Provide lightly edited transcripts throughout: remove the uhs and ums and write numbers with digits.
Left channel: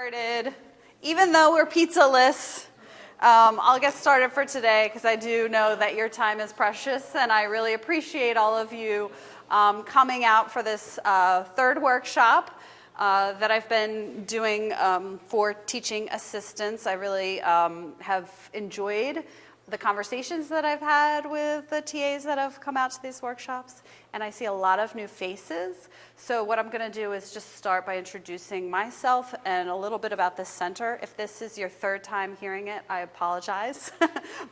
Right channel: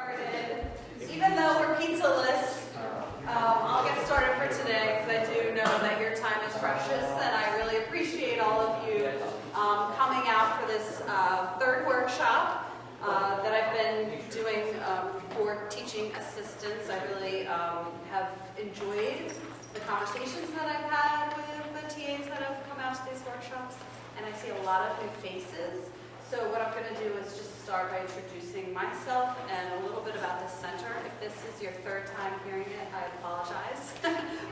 Started. Even though we're pizza-less, I'll get started for today because I do know that your time is precious, and I really appreciate all of you coming out for this third workshop that I've been doing for teaching assistants. I really have enjoyed the conversations that I've had with the TAs that have come out to these workshops, and I see a lot of new faces. So what I'm going to do is just start by introducing myself and a little bit about this center. If this is your third time hearing it, I apologize,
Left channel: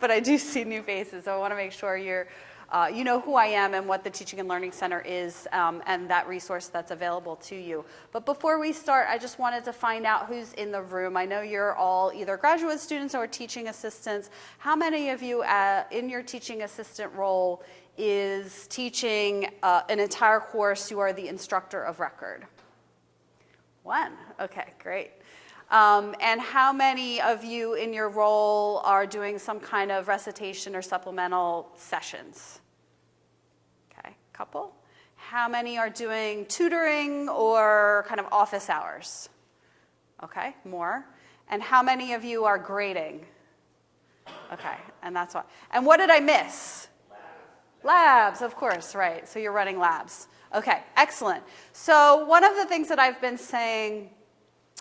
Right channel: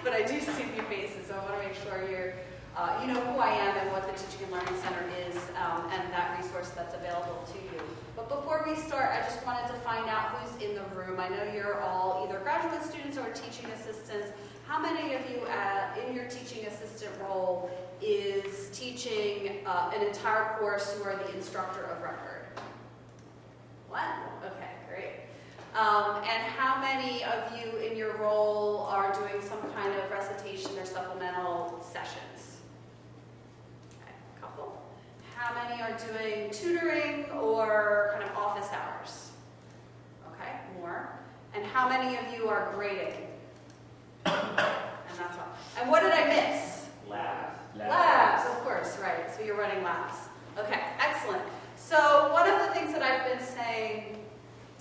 but I do see new faces, so I want to make sure you know who I am and what the Teaching and Learning Center is and that resource that's available to you. But before we start, I just wanted to find out who's in the room. I know you're all either graduate students or teaching assistants. How many of you in your teaching assistant role is teaching an entire course? You are the instructor of record. One? Okay, great. And how many of you in your role are doing some kind of recitation or supplemental sessions? Okay, a couple. How many are doing tutoring or kind of office hours? Okay, more. And how many of you are grading? Okay, and that's one. And what did I miss? Labs, of course, right. So you're running labs. Okay, excellent. So one of the things that I've been saying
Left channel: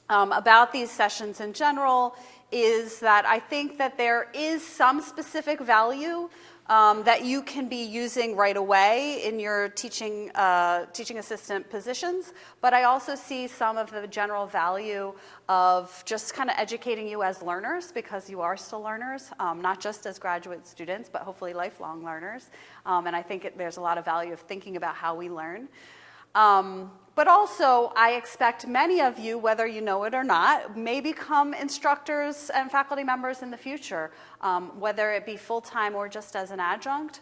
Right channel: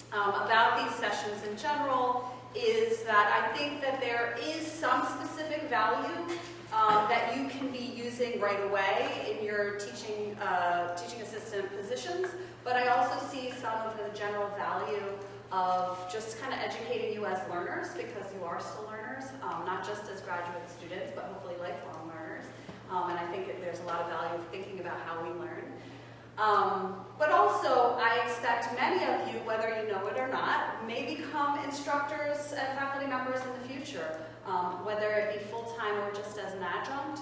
about these sessions in general is that I think that there is some specific value that you can be using right away in your teaching assistant positions, but I also see some of the general value of just kind of educating you as learners, because you are still learners, not just as graduate students, but hopefully lifelong learners. And I think there's a lot of value of thinking about how we learn. But also, I expect many of you, whether you know it or not, may become instructors and faculty members in the future, whether it be full-time or just as an adjunct,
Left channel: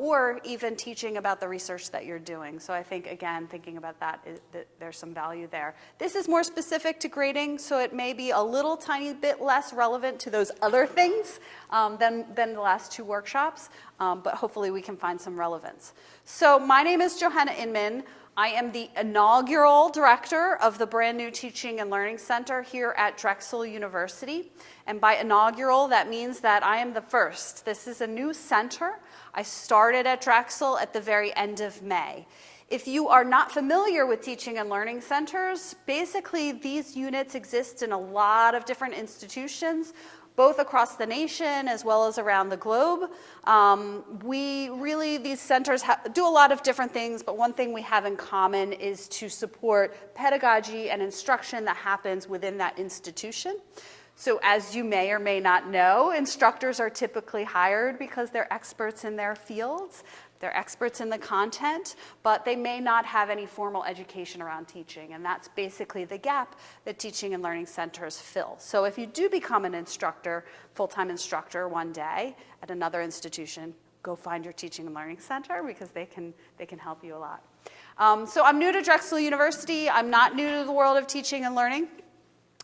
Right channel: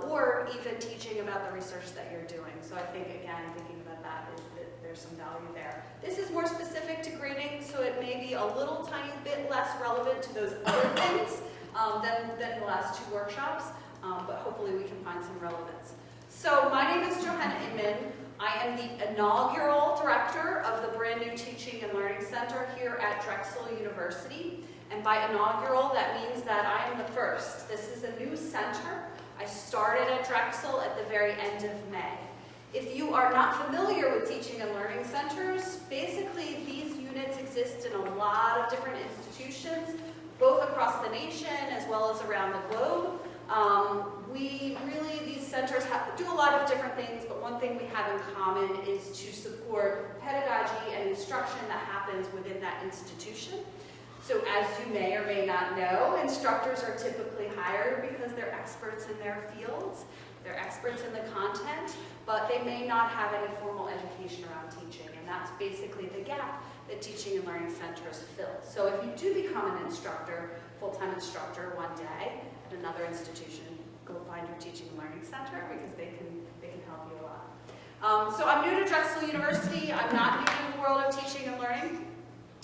or even teaching about the research that you're doing. So I think, again, thinking about that is that there's some value there. This is more specific to grading, so it may be a little tiny bit less relevant to those other things than the last two workshops, but hopefully we can find some relevance. So my name is Johanna Inman. I am the inaugural director of the brand new Teaching and Learning Center here at Drexel University. And by inaugural, that means that I am the first. This is a new center. I started at Drexel at the very end of May. If you are not familiar with teaching and learning centers, basically these units exist in a lot of different institutions, both across the nation as well as around the globe. These centers do a lot of different things, but one thing we have in common is to support pedagogy and instruction that happens within that institution. So as you may or may not know, instructors are typically hired because they're experts in their fields, they're experts in the content, but they may not have any formal education around teaching, and that's basically the gap that teaching and learning centers fill. So if you do become an instructor, full-time instructor one day at another institution, go find your teaching and learning center because they can help you a lot. So I'm new to Drexel University. I'm not new to the world of teaching and learning.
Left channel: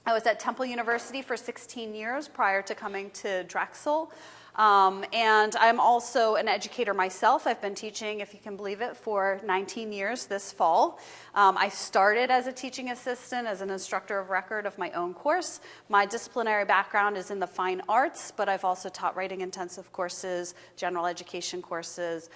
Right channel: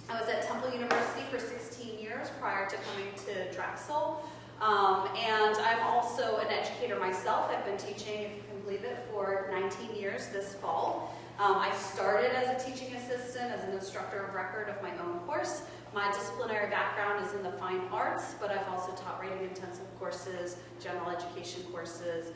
I was at Temple University for 16 years prior to coming to Drexel. And I'm also an educator myself. I've been teaching, if you can believe it, for 19 years this fall. I started as a teaching assistant, as an instructor of record of my own course. My disciplinary background is in the fine arts, but I've also taught writing intensive courses, general education courses,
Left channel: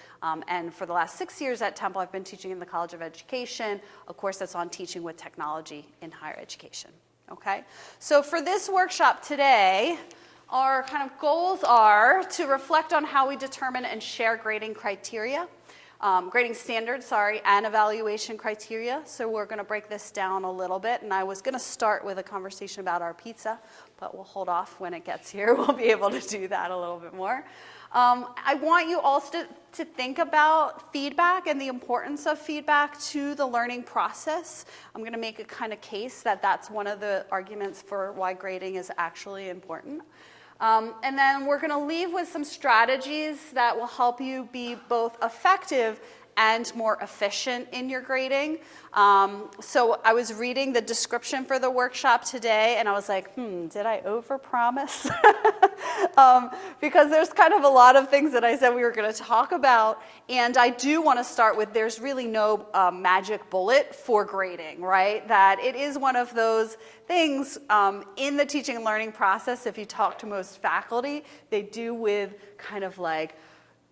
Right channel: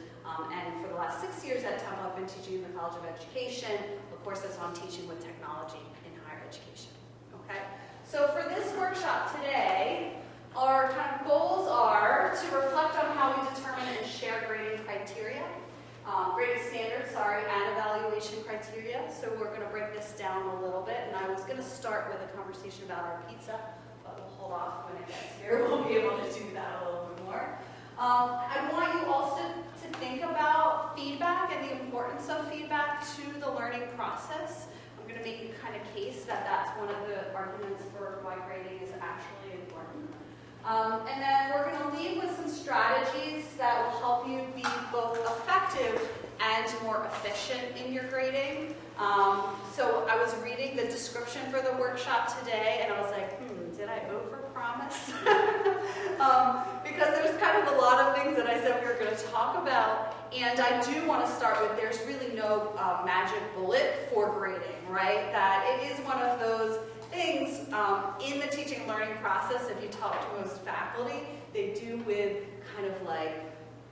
and for the last 6 years at Temple, I've been teaching in the College of Education, a course that's on teaching with technology in higher education. Okay, so for this workshop today, our kind of goals are to reflect on how we determine and share grading criteria, grading standards, and evaluation criteria. So we're going to break this down a little bit, and I was going to start with a conversation about our pizza, but we'll hold off when it gets here. We'll be able to do that a little bit more. I want you also to think about feedback and the importance of feedback to the learning process. I'm going to make a kind of case that that's one of the arguments for why grading is actually important. And then we're going to leave with some strategies that will help you be both effective and more efficient in your grading. So I was reading the description for the workshop today, and I was like, did I overpromise? Because there's kind of a lot of things that I said we were going to talk about, and I do want to start with there's really no magic bullet for grading, right? That it is one of those things in the teaching and learning process, if you talk to most faculty, they do with kind of like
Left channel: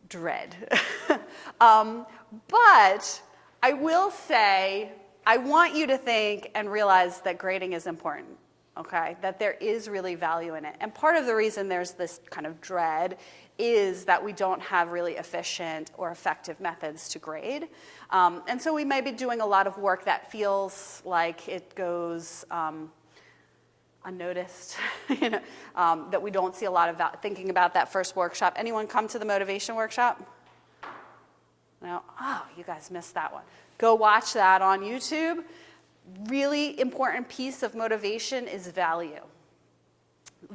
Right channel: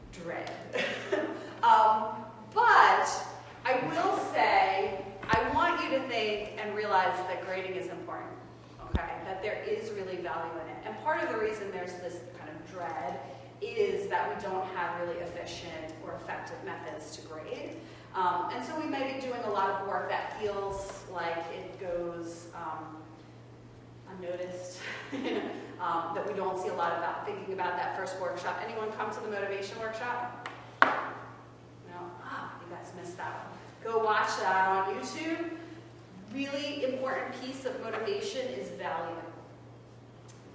dread. But I will say, I want you to think and realize that grading is important, okay? That there is really value in it. And part of the reason there's this kind of dread is that we don't have really efficient or effective methods to grade. And so we may be doing a lot of work that feels like it goes unnoticed, that we don't see a lot of thinking about that first workshop. Anyone come to the motivation workshop? No? Oh, you guys missed that one. Go watch that on YouTube. Really important piece of motivation is value.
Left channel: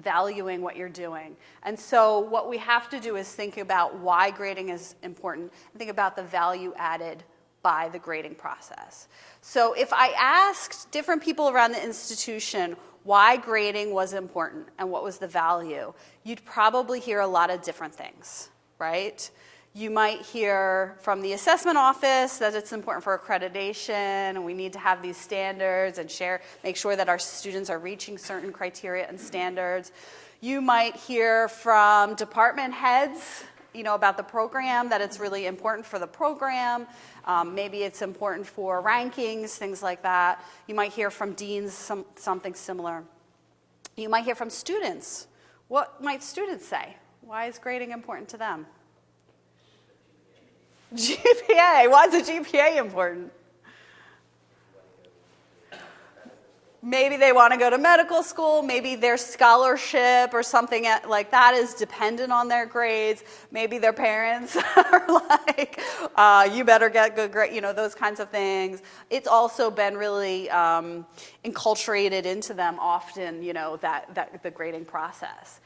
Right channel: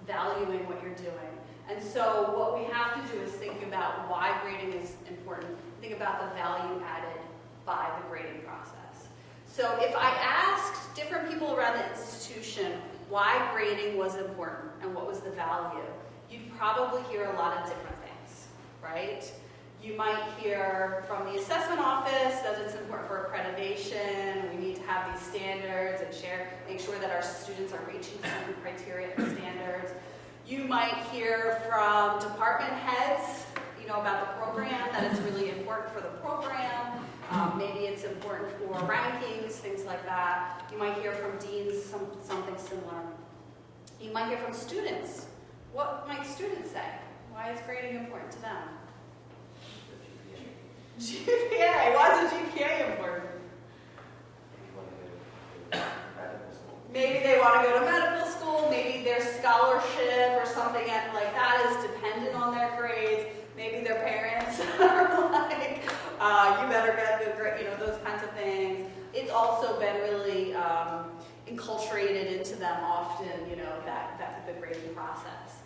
Valuing what you're doing. And so what we have to do is think about why grading is important. Think about the value added by the grading process. So if I asked different people around the institution why grading was important and what was the value, you'd probably hear a lot of different things, right? You might hear from the assessment office that it's important for accreditation, we need to have these standards and make sure that our students are reaching certain criteria and standards. You might hear from department heads, about the program, that it's really important for the program. Maybe it's important for rankings, things like that. You might hear from deans something similar. You might hear from students. What might students say? Why is grading important to them? GPA. Why is the GPA important? Maybe they want to go to medical school. Maybe their scholarship or something like that is dependent on their grades. Maybe their parents are like, you better get good grades, those kinds of things. It's also been really enculturated into them often, that the grading process.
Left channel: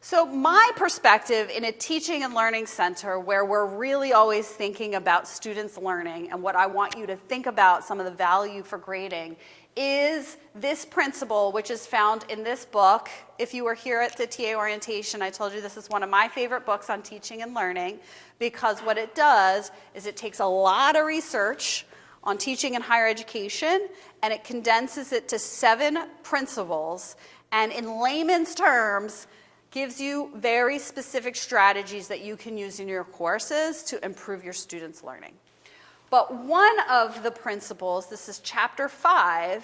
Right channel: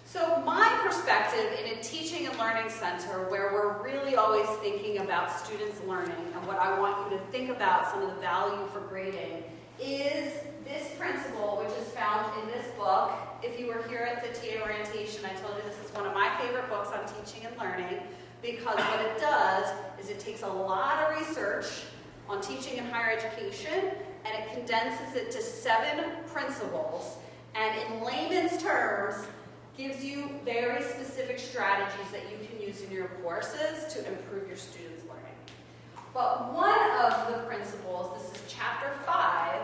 So my perspective in a teaching and learning center where we're really always thinking about students learning, and what I want you to think about some of the value for grading is this principle, which is found in this book. If you were here at the TA orientation, I told you this is one of my favorite books on teaching and learning, because what it does is it takes a lot of research on teaching and higher education, and it condenses it to 7 principles, and in layman's terms, gives you very specific strategies that you can use in your courses to improve your students' learning. But one of the principles, this is chapter 5,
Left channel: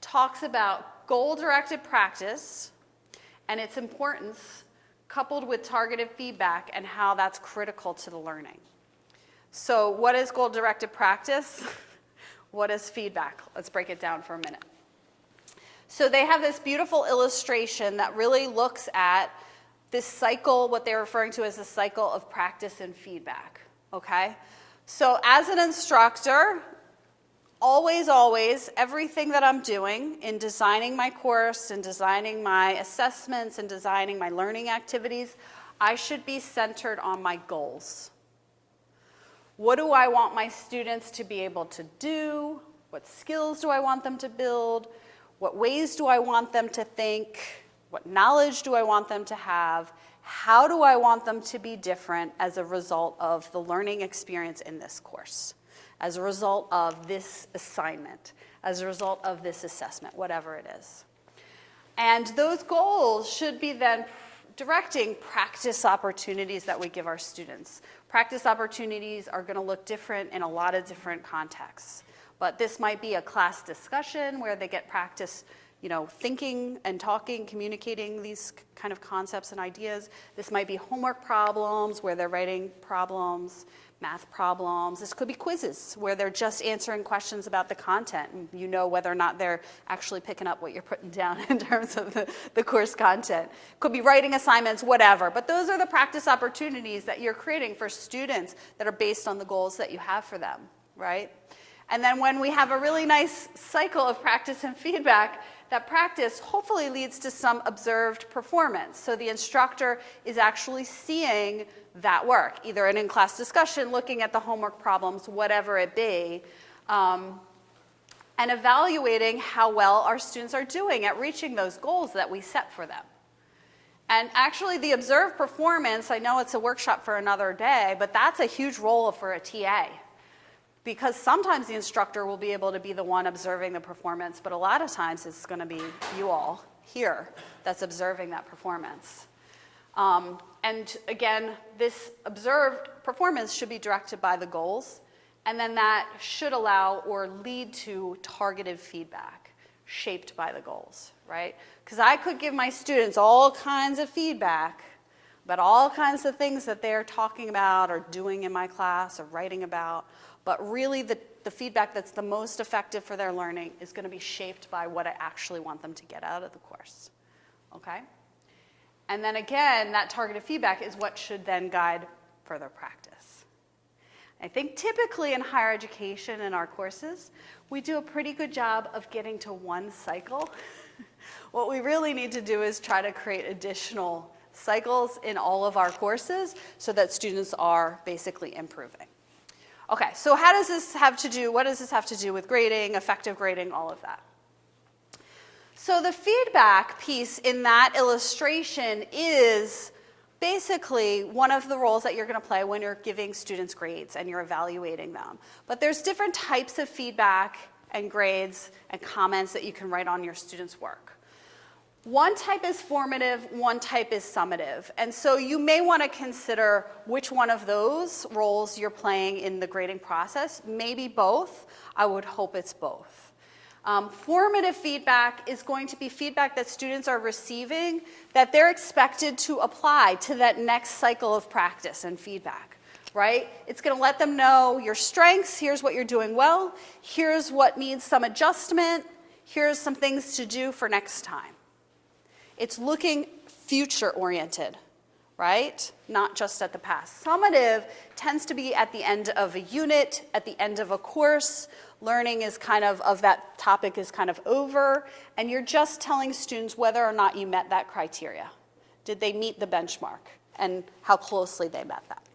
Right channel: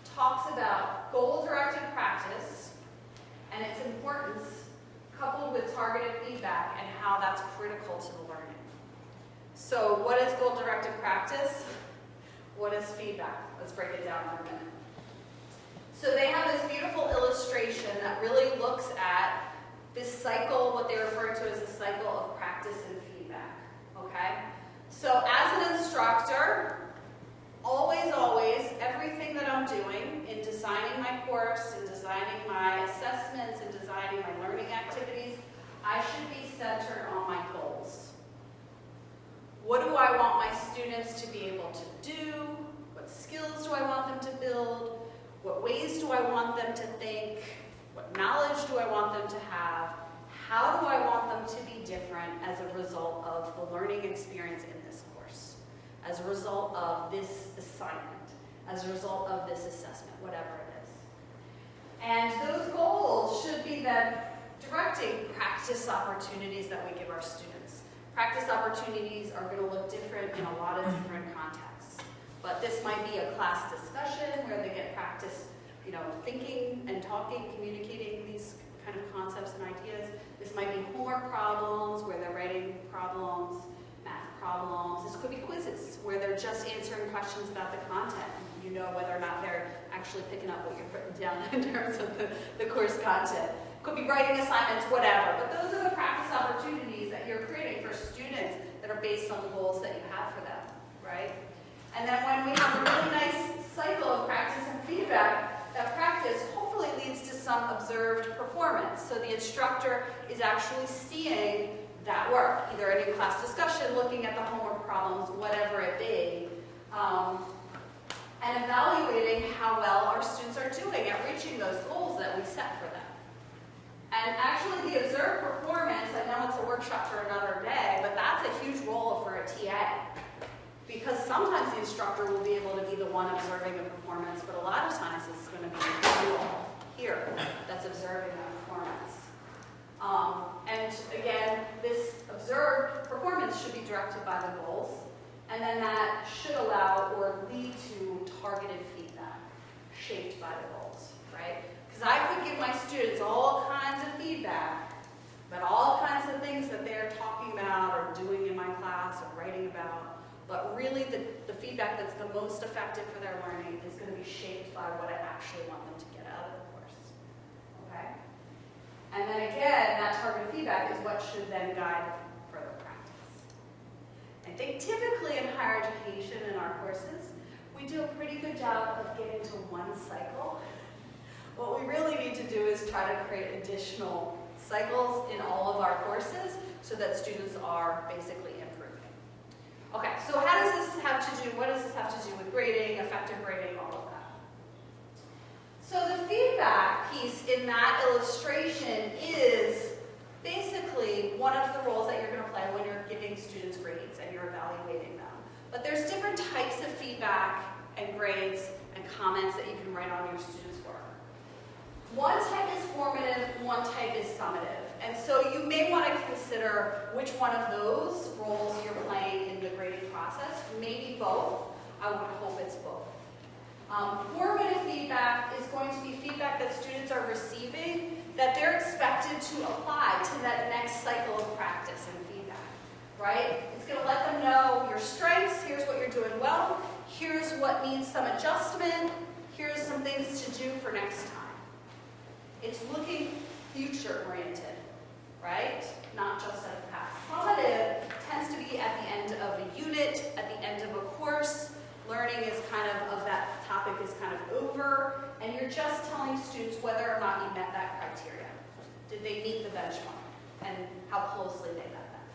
talks about goal-directed practice and its importance coupled with targeted feedback and how that's critical to the learning. So what is goal-directed practice? What is feedback? Let's break it down for a minute. So they have this beautiful illustration that really looks at this cycle, what they're referring to as the cycle of practice and feedback, okay? So as an instructor, always, everything that I'm doing in designing my course and designing my assessments and designing my learning activities, I should be centered on my goals. What do I want my students to be able to do? What skills do I want them to build? What ways do I want them to think? What knowledge do I want them to have? How do I want them to be different as a result of the learning experience in this course? As a result of this assignment? As a result of this assessment? Whatever it is. And those goals should be then directing practice opportunities that we give our students. Practice opportunities are going to look different in a lot of different contexts. But this might be a class discussion where they get practice, thinking and talking, communicating these kind of concepts and ideas. This might be homework problems where they're writing problems, math problems. This could be quizzes where they're just answering questions about the content and you know whether or not they're actually picking up what you're putting down in terms of the course content. Could be writing assignments, whatever. But those are the practice opportunities that you're creating for students that are based on the goals that you have for them, right? And then when we have a really nice cycle of practice and feedback, that practice hopefully leads to some observed performance. So the instructor is actually seeing that work, either an in-class discussion, looking at the homework problems, whatever it be, and evaluating how well our students are doing at reaching those goals that we set for them. And actually the observed performance, I know it's a workshop for another day, but that's a huge role for a TA. Because sometimes the instructor will be able to be the one observing the performance, but a lot of times it's going to be you all here that's observing that performance. And again, this observed performance should be directed by the goals, and then that should allow or lead to targeted feedback shaped by the goals, right? Because I could give my students all kinds of feedback, but all kinds of things that they're talking about or doing in my class or writing about, but really the feedback that's the most effective for their learning is going to be shaped by what I actually want them to get out of the course, okay? And then again, that targeted feedback is what should then guide further practice. I think typically in higher education in our courses, we do a pretty good job of getting to one cycle. What we really need to do is try to create additional cycles in all of our courses so that students are basically improving. Okay, so how does this have to do, what does this have to do with grading, effective grading, all of that? So the feedback piece in that illustration is basically one of the roles that you're going to play when you're giving students grades and you're evaluating them. But there's different types of feedback and grades and comments that you can write on your students' work. One type is formative, one type is summative. And so you may want to consider which one of those roles you're playing in the grading process. Maybe both. I would hope it's both. Formative feedback is going to be feedback that students are receiving that they're expected to apply to that next cycle of practice and feedback, right? It's going to let them know your strengths, here's what you're doing well, here's what needs some adjustment, here's some things to do for next time. It's looking future-oriented, right? Not just at the past. Summative tends to be at the end of a unit, at the end of a course. Learning is kind of that topic is kind of over, and you're just telling students whether or not you met that criteria. Did they meet the benchmark, and how closely they met that?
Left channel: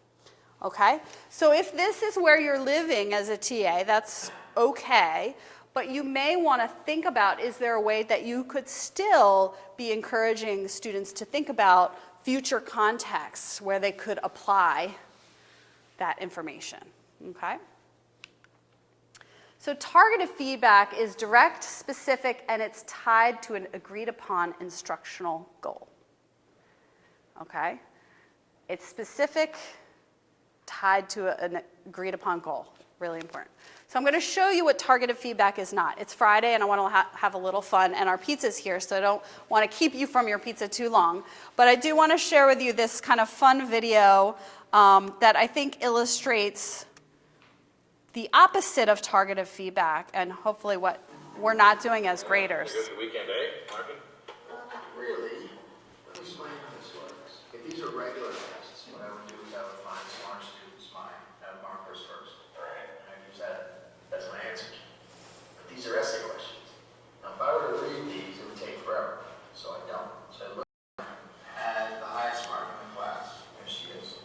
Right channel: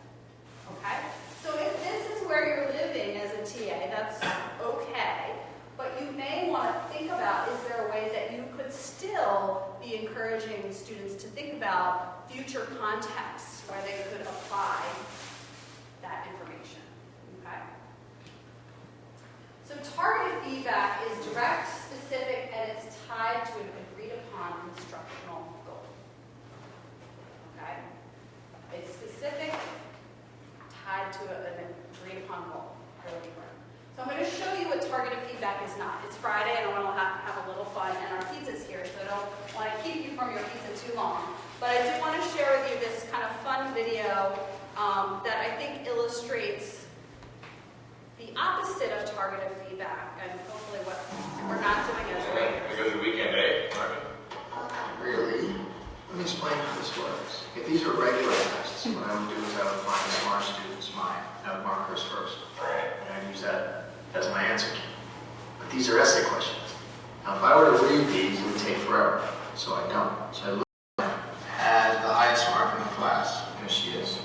Okay? So if this is where you're living as a TA, that's okay, but you may want to think about, is there a way that you could still be encouraging students to think about future contexts where they could apply that information, okay? So targeted feedback is direct, specific, and it's tied to an agreed upon instructional goal. Okay? It's specific, tied to an agreed upon goal. Really important. So I'm going to show you what targeted feedback is not. It's Friday and I want to have a little fun, and our pizza's here, so I don't want to keep you from your pizza too long. But I do want to share with you this kind of fun video that I think illustrates the opposite of targeted feedback, and hopefully what we're not doing as graders. Really? Let me explain how this works. If these are regular tests, what I would do is I would find the smart students mine. I would mark hers first. And I'd use that as my answer key. But these are essay questions. Now, if I were to read these, it would take forever. So I don't. So I look at the highest mark in the class. There she is.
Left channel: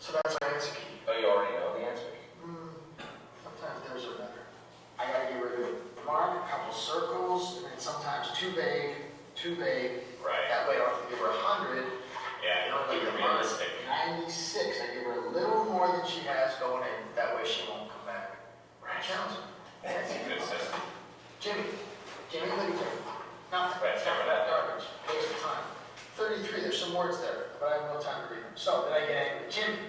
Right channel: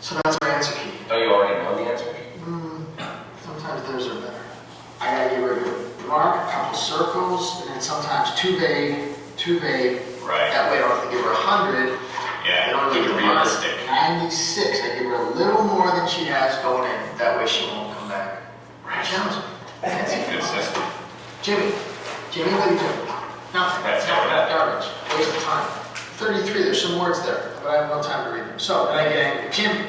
So that's my answer key. Oh, you already know the answer? Sometimes those are better. I gotta give her a mark, a couple circles, and then sometimes too vague. Right. That way I don't have to give her 100. Yeah, I don't keep need it to mark realistic. 96. I give her a little more than she has going in. That way she won't come back. Right. Challenge me. That's a good system. Jimmy, what are you doing? Nothing. That's not Garbage. Waste of time. 33, there's some words there, but I have no time to read them. So, then I get angry. Jimmy,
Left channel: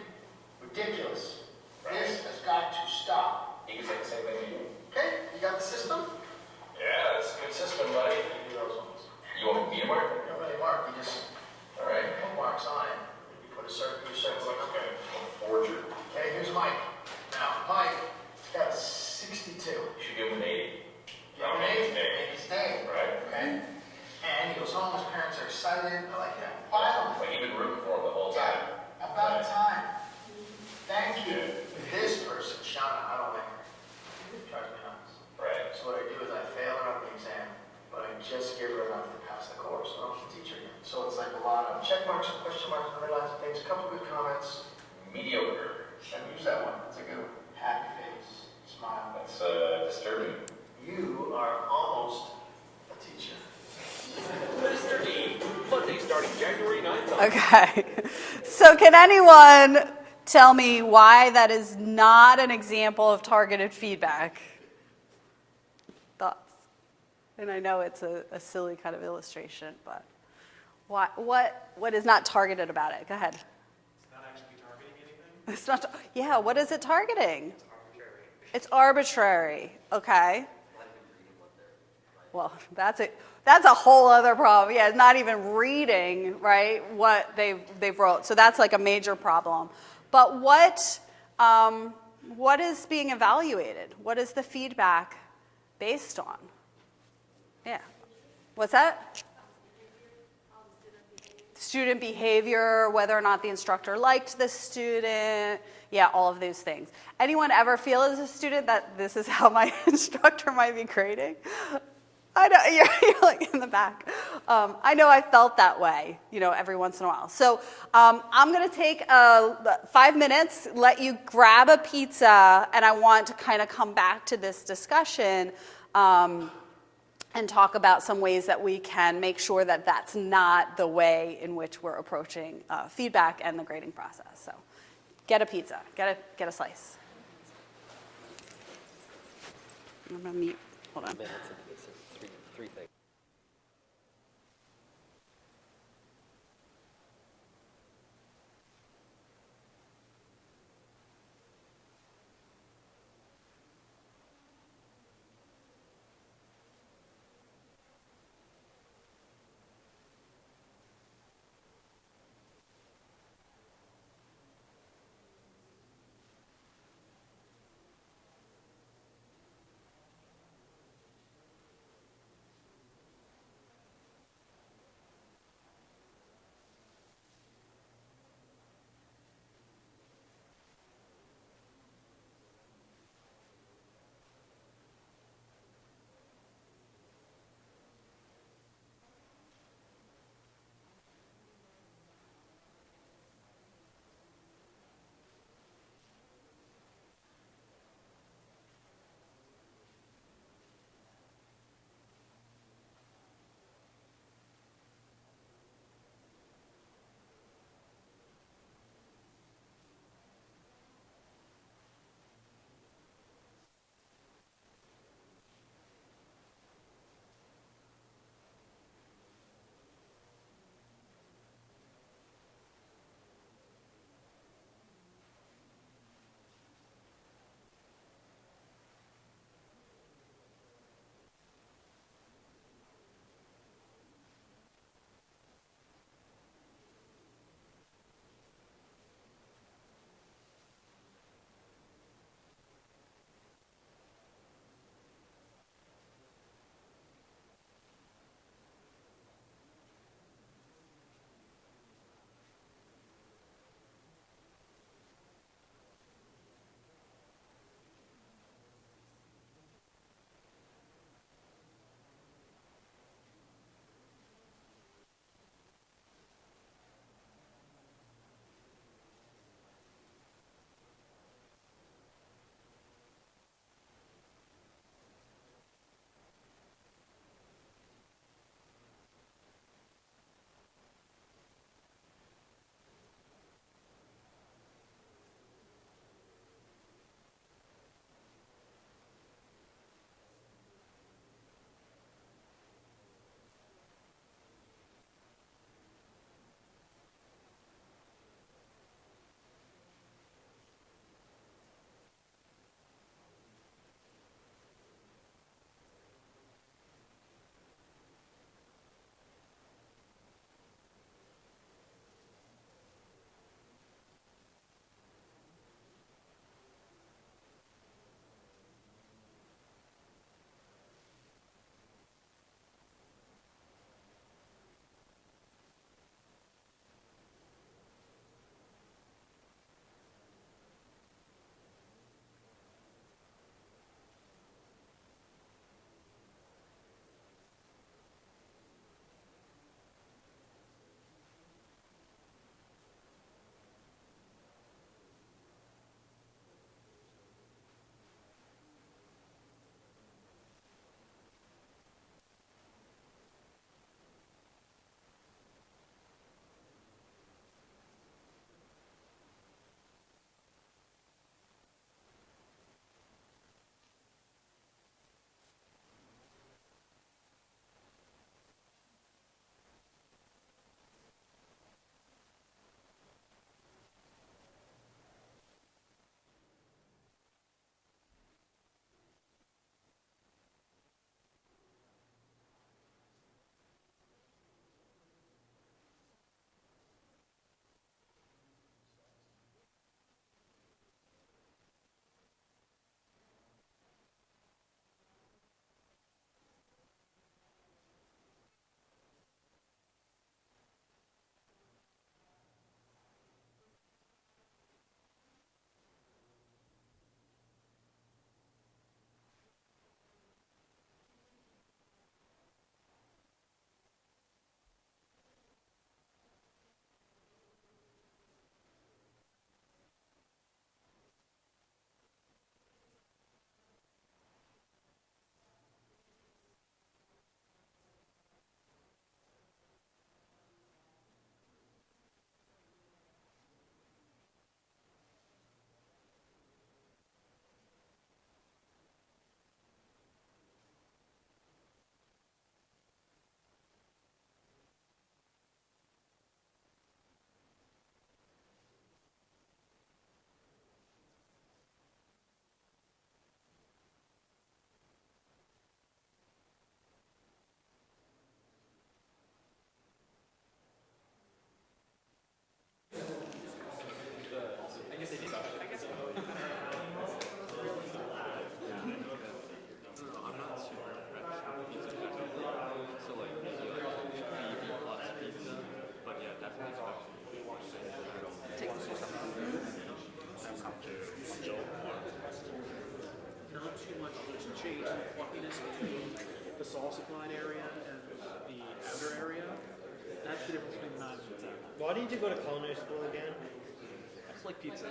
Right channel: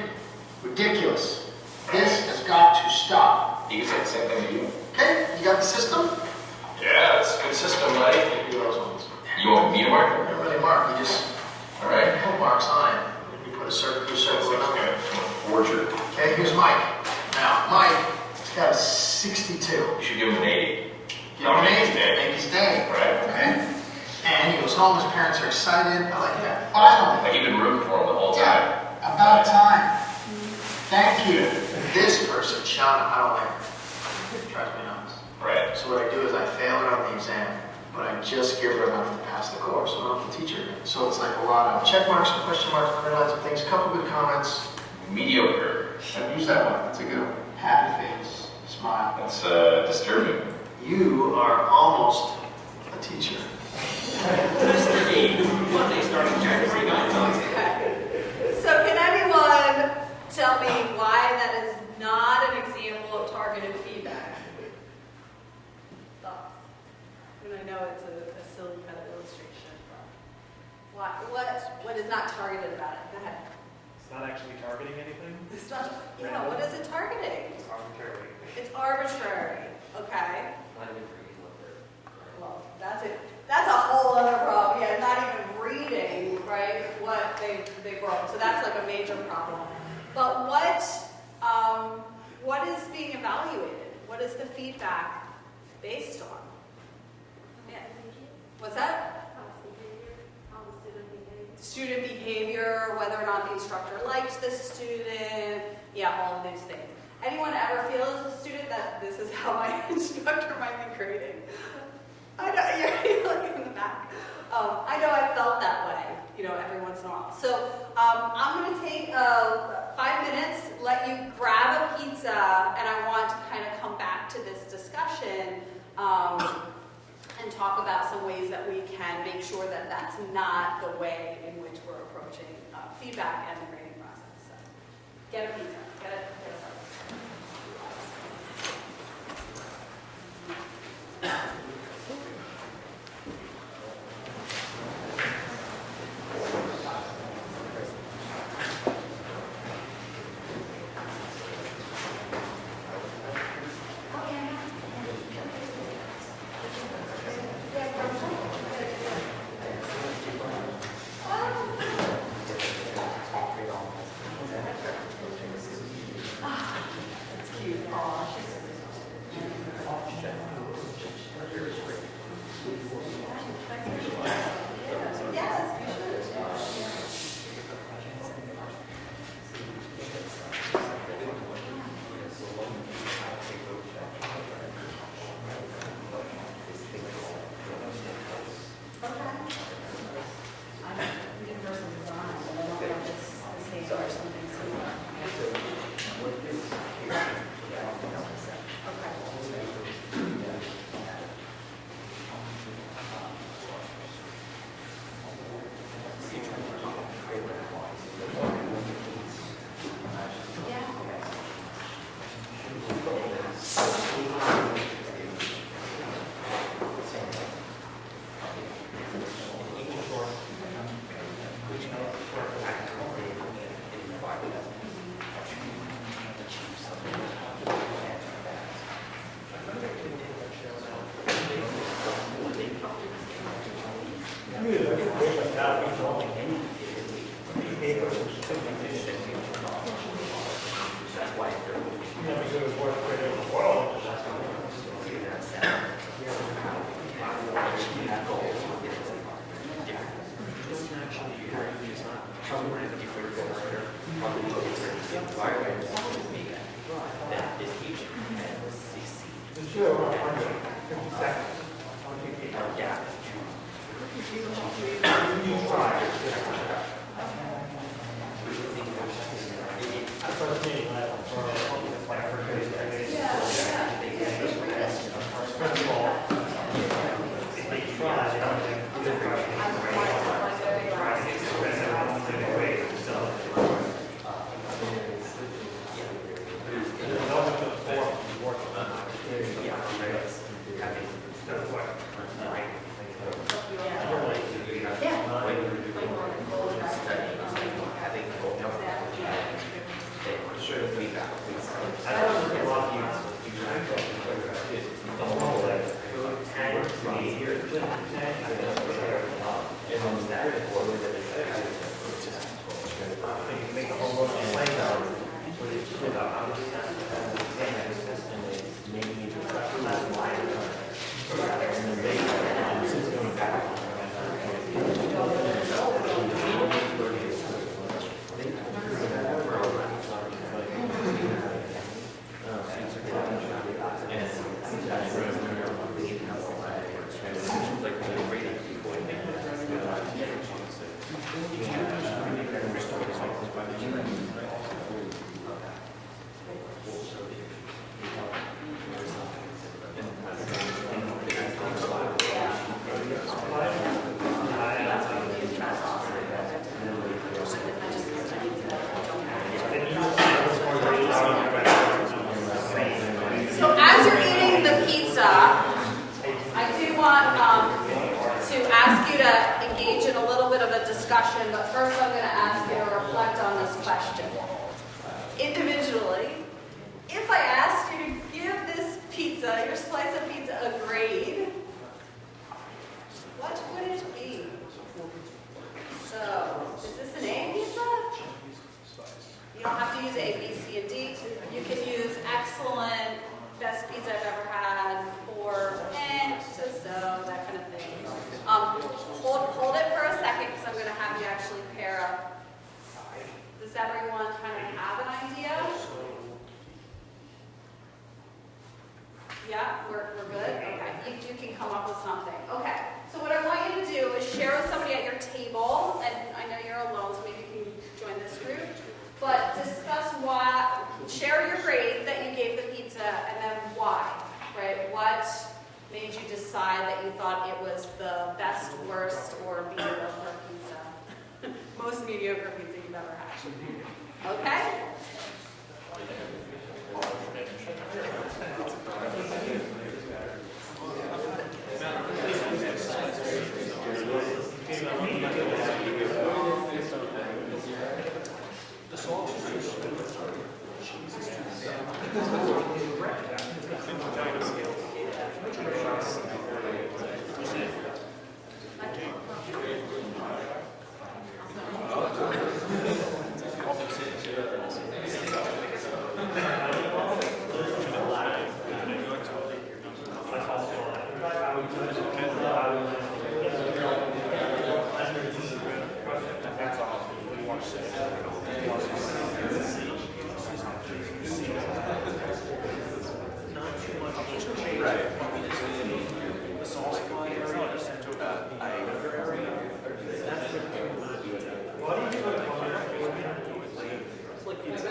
ridiculous. This has got to stop. You can say the same thing to you. Okay, you got the system? Yeah, that's a good system, buddy. Give me those ones. You want me to mark it? Don't really mark, you just All right. put marks on it. You put a circle, you That's circle it like up. a forger. Okay, here's Mike. Now, Mike has got a 62. You should give him an 80. Give him an 80, make his day. Right. Okay? And he goes home, his parents are excited. I like that. Finally. Like you've been rooting for him the whole time. Yeah, about time. Thank you. This person, Sean, I don't like her. It drives me nuts. Right. So what I do is I fail her on the exam, but I just give her enough to pass the course. I don't have to teach her again. So it's like a lot of check marks, some question marks, underlines, some things, a couple good comments. Mediocre. Use that one. That's a good one. Happy face, smile. That's disturbing. You are almost a teacher. Okay. So can anyone tell me why that is not an example of targeted feedback. Thoughts? And I know it's a silly kind of illustration, but what is not targeted about it? Go ahead. It's not actually targeting anything. It's not. Yeah. What is it targeting? It's arbitrary. It's arbitrary. Okay. Well, that's a whole other problem. Yeah, not even reading, right, what they wrote. So that's like a major problem. But what is being evaluated? What is the feedback based on? Yeah. What's that? Student behavior, whether or not the instructor liked the student. Yeah, all of these things. Anyone ever feel as a student that this is how my instructor might be grading? I know, you're like in the back. I know I felt that way, every once in a while. So I'm going to take 5 minutes, let you grab a pizza, and I want to kind of come back to this discussion and talk about some ways that we can make sure that that's not the way in which we're approaching feedback and the grading process. So get a pizza, get a slice. Hold on.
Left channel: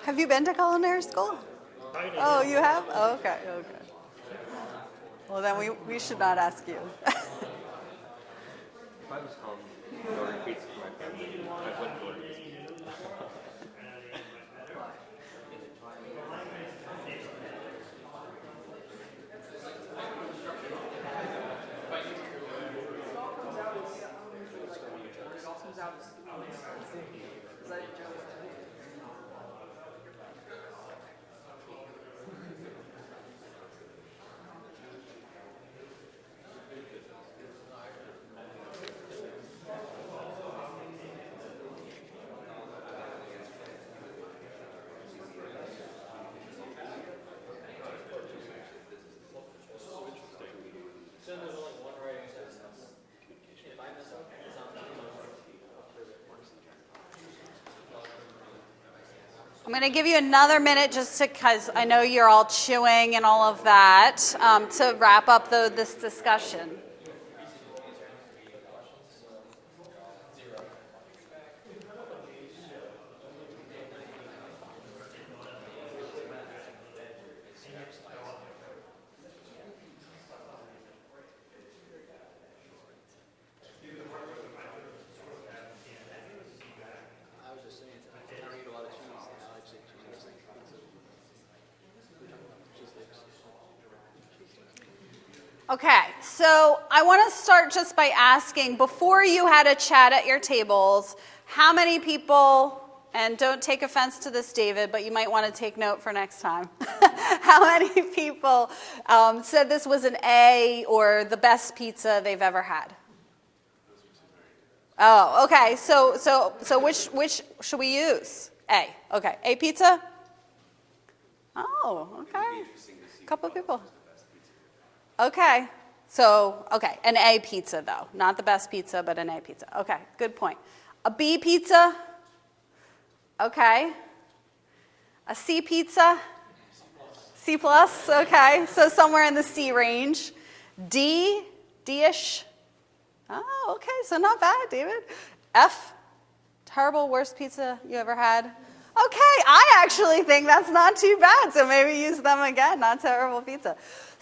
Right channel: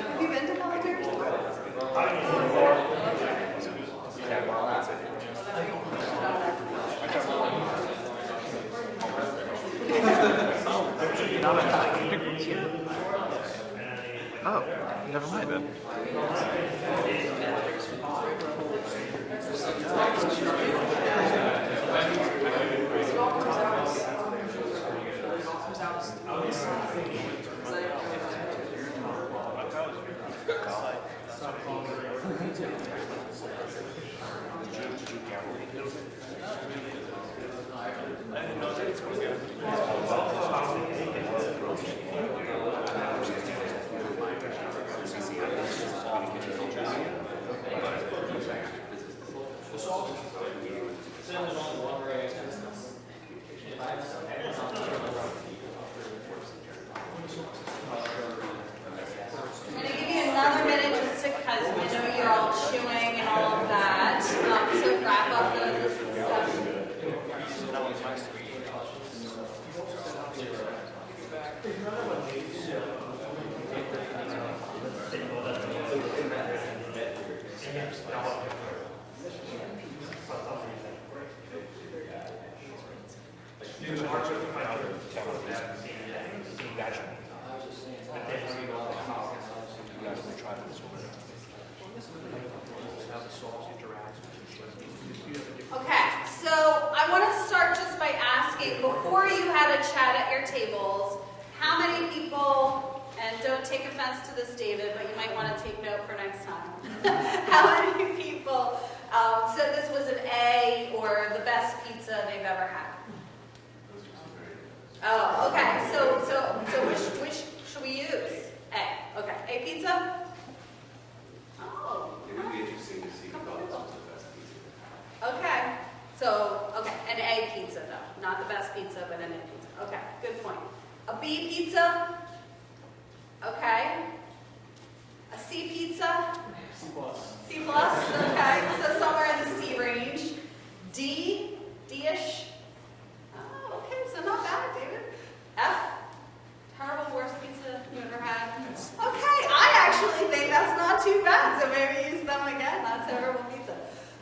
Have you been to culinary school? Oh, you have? Oh, okay. Well, then we should not ask you. Oh, never mind then. I'm going to give you another minute just to, because I know you're all chewing and all of that, to wrap up this discussion. Okay, so I want to start just by asking, before you had a chat at your tables, how many people, and don't take offense to this, David, but you might want to take note for next time. How many people said this was an A or the best pizza they've ever had? Oh, okay, so which should we use? A, okay. A pizza? Oh, okay. A couple people. Okay, so, okay, an A pizza though. Not the best pizza, but an A pizza. Okay, good point. A B pizza? Okay. A C pizza? C plus, okay. So somewhere in the C range. D? D-ish? Oh, okay, so not bad, David. F? Terrible, worst pizza you ever had? Okay, I actually think that's not too bad, so maybe use them again. Not terrible pizza.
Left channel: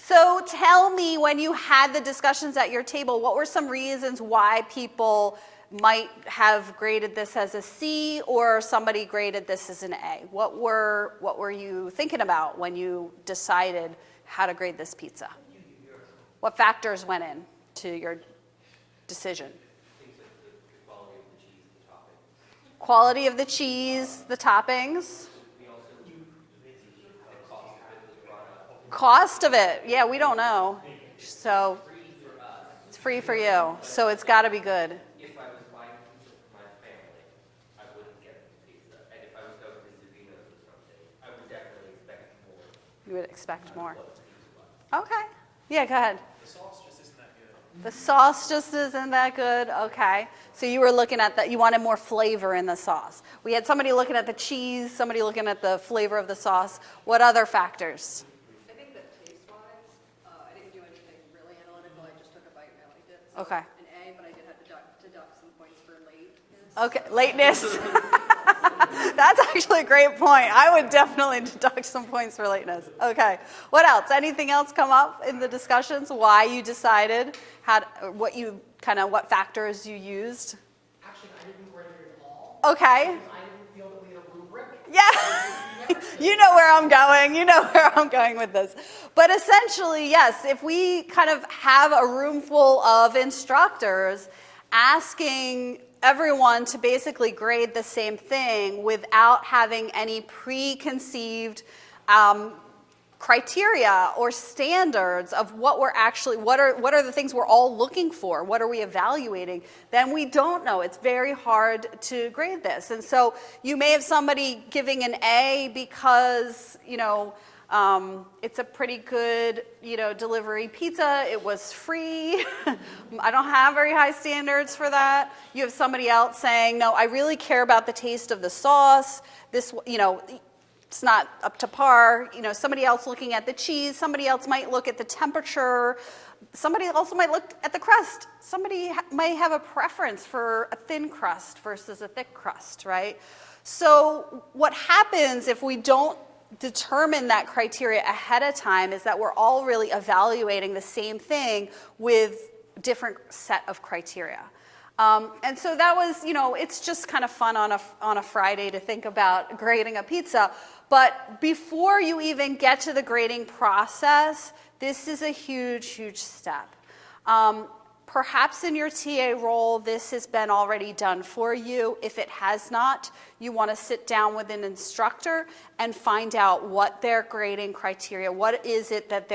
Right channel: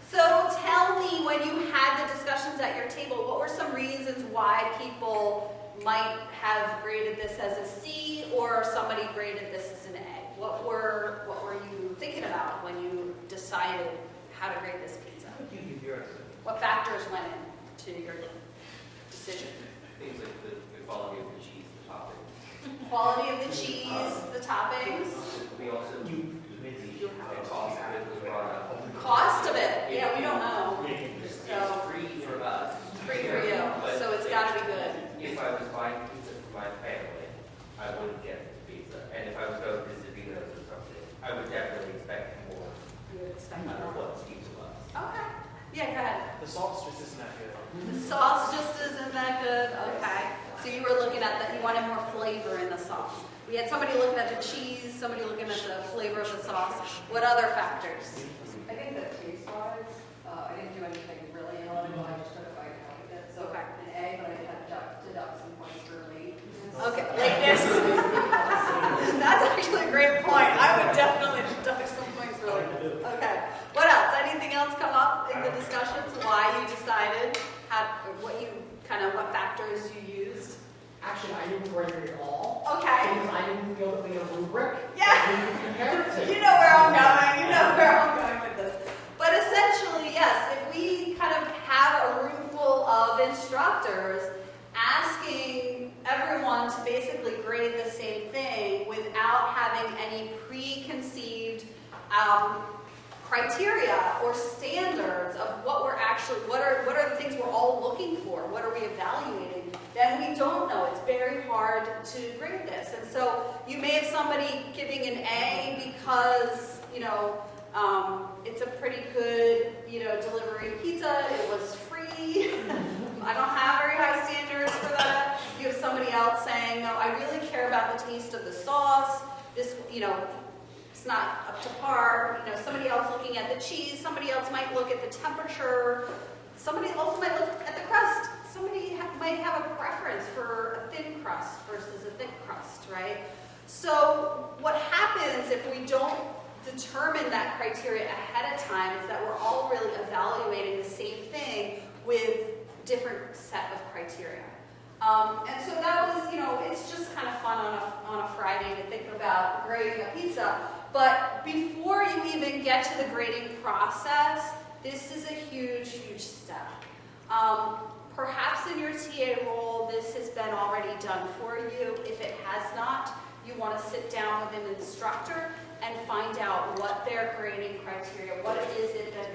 So tell me, when you had the discussions at your table, what were some reasons why people might have graded this as a C or somebody graded this as an A? What were you thinking about when you decided how to grade this pizza? What factors went into your decision? Things like the quality of the cheese, the topping. Quality of the cheese, the toppings. We also, the cost of it was brought up. Cost of it, yeah, we don't know. So Free for us. it's free for you, so it's got to be good. If I was buying pizza for my family, I wouldn't get this pizza. And if I was going to Zavino's or something, I would definitely expect more. You would expect Than more. what the pizza was. Okay. Yeah, go ahead. The sauce just isn't that good. The sauce just isn't that good. Okay. So you were looking at that. You wanted more flavor in the sauce. We had somebody looking at the cheese, somebody looking at the flavor of the sauce. What other factors? I think that taste-wise, I didn't do anything really analytical. I just took it by counting it. So Okay. an A, but I did have to deduct some points for late. Okay, lateness. That's actually a great point. I would definitely deduct some points for lateness. Okay. What else? Anything else come up in the discussions? Why you decided? What factors you used? Actually, I didn't grade it at all. Okay. Because I didn't feel that we had a rubric. Yeah. You know where I'm going. You know where I'm going with this. But essentially, yes, if we kind of have a room full of instructors asking everyone to basically grade the same thing without having any preconceived criteria or standards of what we're actually, what are the things we're all looking for, what are we evaluating, then we don't know. It's very hard to grade this. And so you may have somebody giving an A because, it's a pretty good, delivery pizza. It was free. I don't have very high standards for that. You have somebody else saying, no, I really care about the taste of the sauce. This, it's not up to par. Somebody else looking at the cheese. Somebody else might look at the temperature. Somebody also might look at the crust. Somebody might have a preference for a thin crust versus a thick crust, right? So what happens if we don't determine that criteria ahead of time is that we're all really evaluating the same thing with different set of criteria. And so that was, it's just kind of fun on a Friday to think about grading a pizza. But before you even get to the grading process, this is a huge, huge step. Perhaps in your TA role, this has been already done for you. If it has not, you want to sit down with an instructor and find out what their grading criteria, what is it that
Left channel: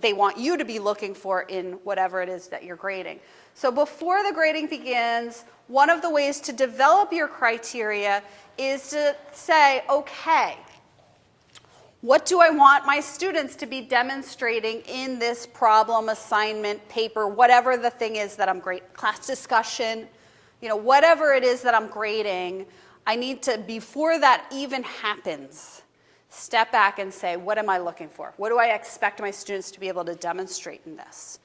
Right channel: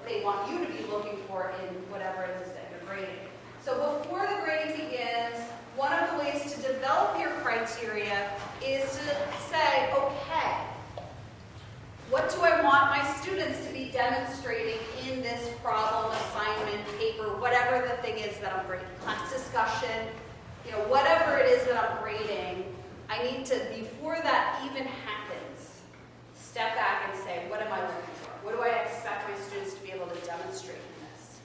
they want you to be looking for in whatever it is that you're grading. So before the grading begins, one of the ways to develop your criteria is to say, okay, what do I want my students to be demonstrating in this problem, assignment, paper, whatever the thing is that I'm grading, class discussion, whatever it is that I'm grading, I need to, before that even happens, step back and say, what am I looking for? What do I expect my students to be able to demonstrate in this?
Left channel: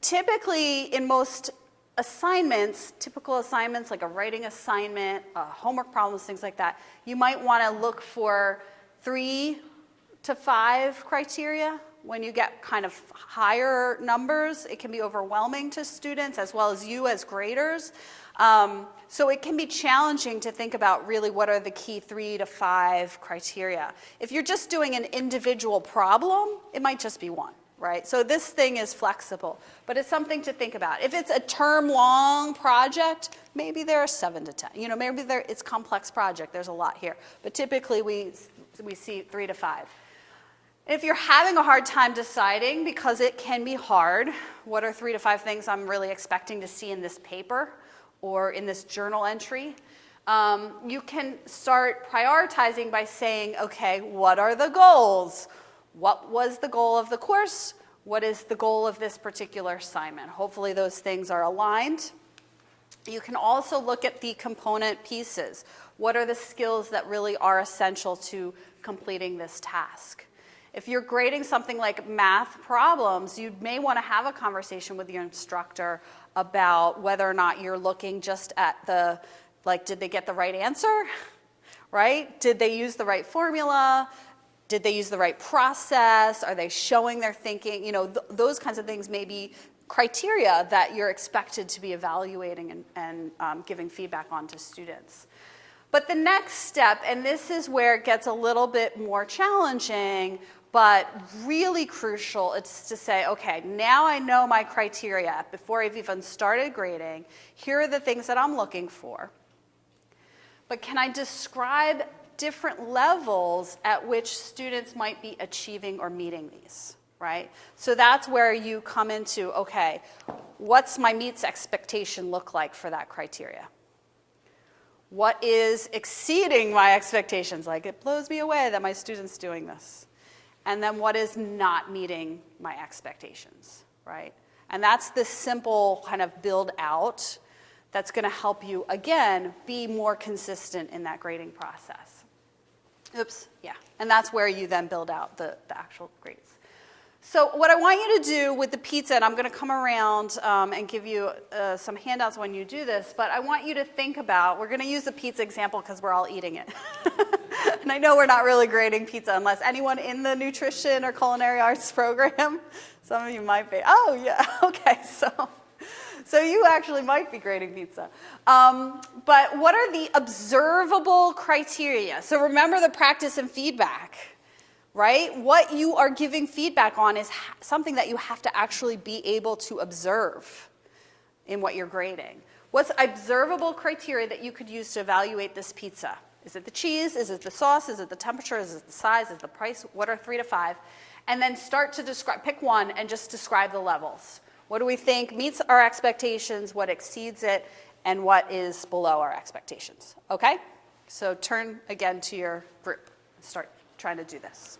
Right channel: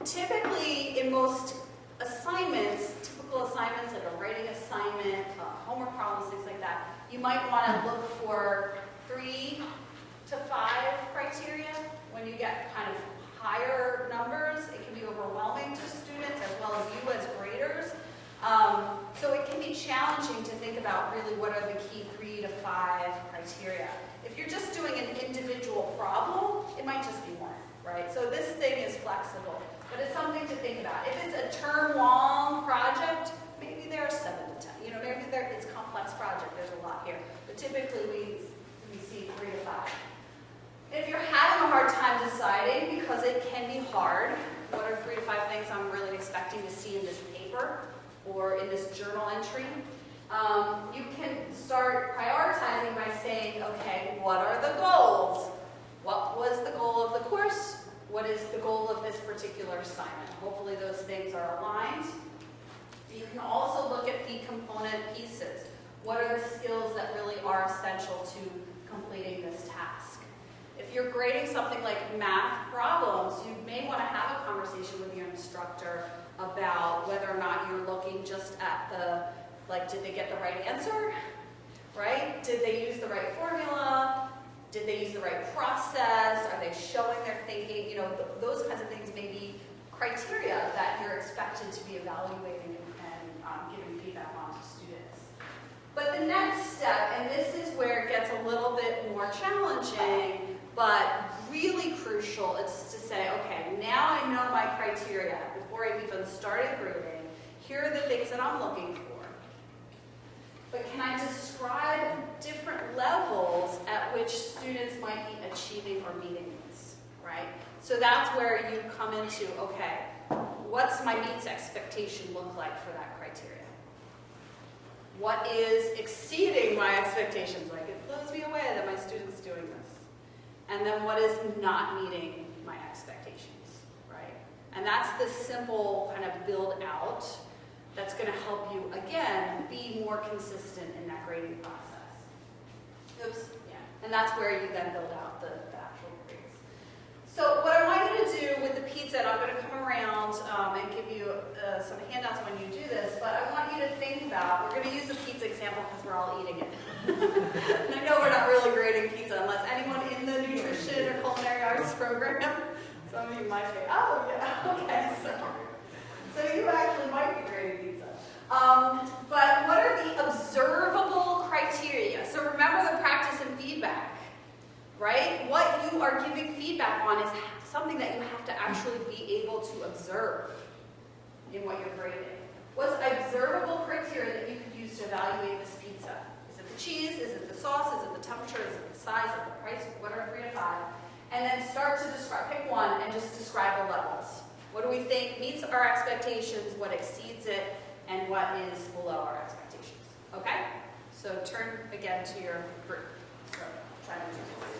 Typically, in most assignments, typical assignments like a writing assignment, homework problems, things like that, you might want to look for 3 to 5 criteria. When you get kind of higher numbers, it can be overwhelming to students as well as you as graders. So it can be challenging to think about really what are the key 3 to 5 criteria. If you're just doing an individual problem, it might just be 1, right? So this thing is flexible, but it's something to think about. If it's a term-long project, maybe there are 7 to 10. Maybe it's a complex project. There's a lot here. But typically we see 3 to 5. If you're having a hard time deciding, because it can be hard, what are 3 to 5 things I'm really expecting to see in this paper or in this journal entry, you can start prioritizing by saying, okay, what are the goals? What was the goal of the course? What is the goal of this particular assignment? Hopefully those things are aligned. You can also look at the component pieces. What are the skills that really are essential to completing this task? If you're grading something like math problems, you may want to have a conversation with your instructor about whether or not you're looking just at did they get the right answer, right? Did they use the right formula? Did they use the right process? Are they showing their thinking? Those kinds of things may be criteria that you're expected to be evaluating and giving feedback on to students. But the next step, and this is where it gets a little bit more challenging, but really crucial, it's to say, okay, now I know my criteria before I've even started grading. Here are the things that I'm looking for. But can I describe different levels at which students might be achieving or meeting these, right? So that's where you come into, okay, what's my meets expectation look like for that criteria? What is exceeding my expectations? Like, it blows me away that my student's doing this. And then what is not meeting my expectations, right? And that's this simple kind of build out that's going to help you, again, be more consistent in that grading process. Oops, yeah. And that's where you then build out the actual grades. So what I want you to do with the pizza, and I'm going to come around and give you some handouts when you do this, but I want you to think about, we're going to use the pizza example because we're all eating it. And I know we're not really grading pizza unless anyone in the nutrition or culinary arts program, some of you might be. Oh, yeah, okay, so you actually might be grading pizza. But what are the observable criteria? So remember the practice and feedback, right? What you are giving feedback on is something that you have to actually be able to observe in what you're grading. What's observable criteria that you could use to evaluate this pizza? Is it the cheese? Is it the sauce? Is it the temperature? Is it the size? Is it the price? What are 3 to 5? And then start to describe, pick one and just describe the levels. What do we think meets our expectations, what exceeds it, and what is below our expectations? Okay? So turn again to your group. Start trying to do this.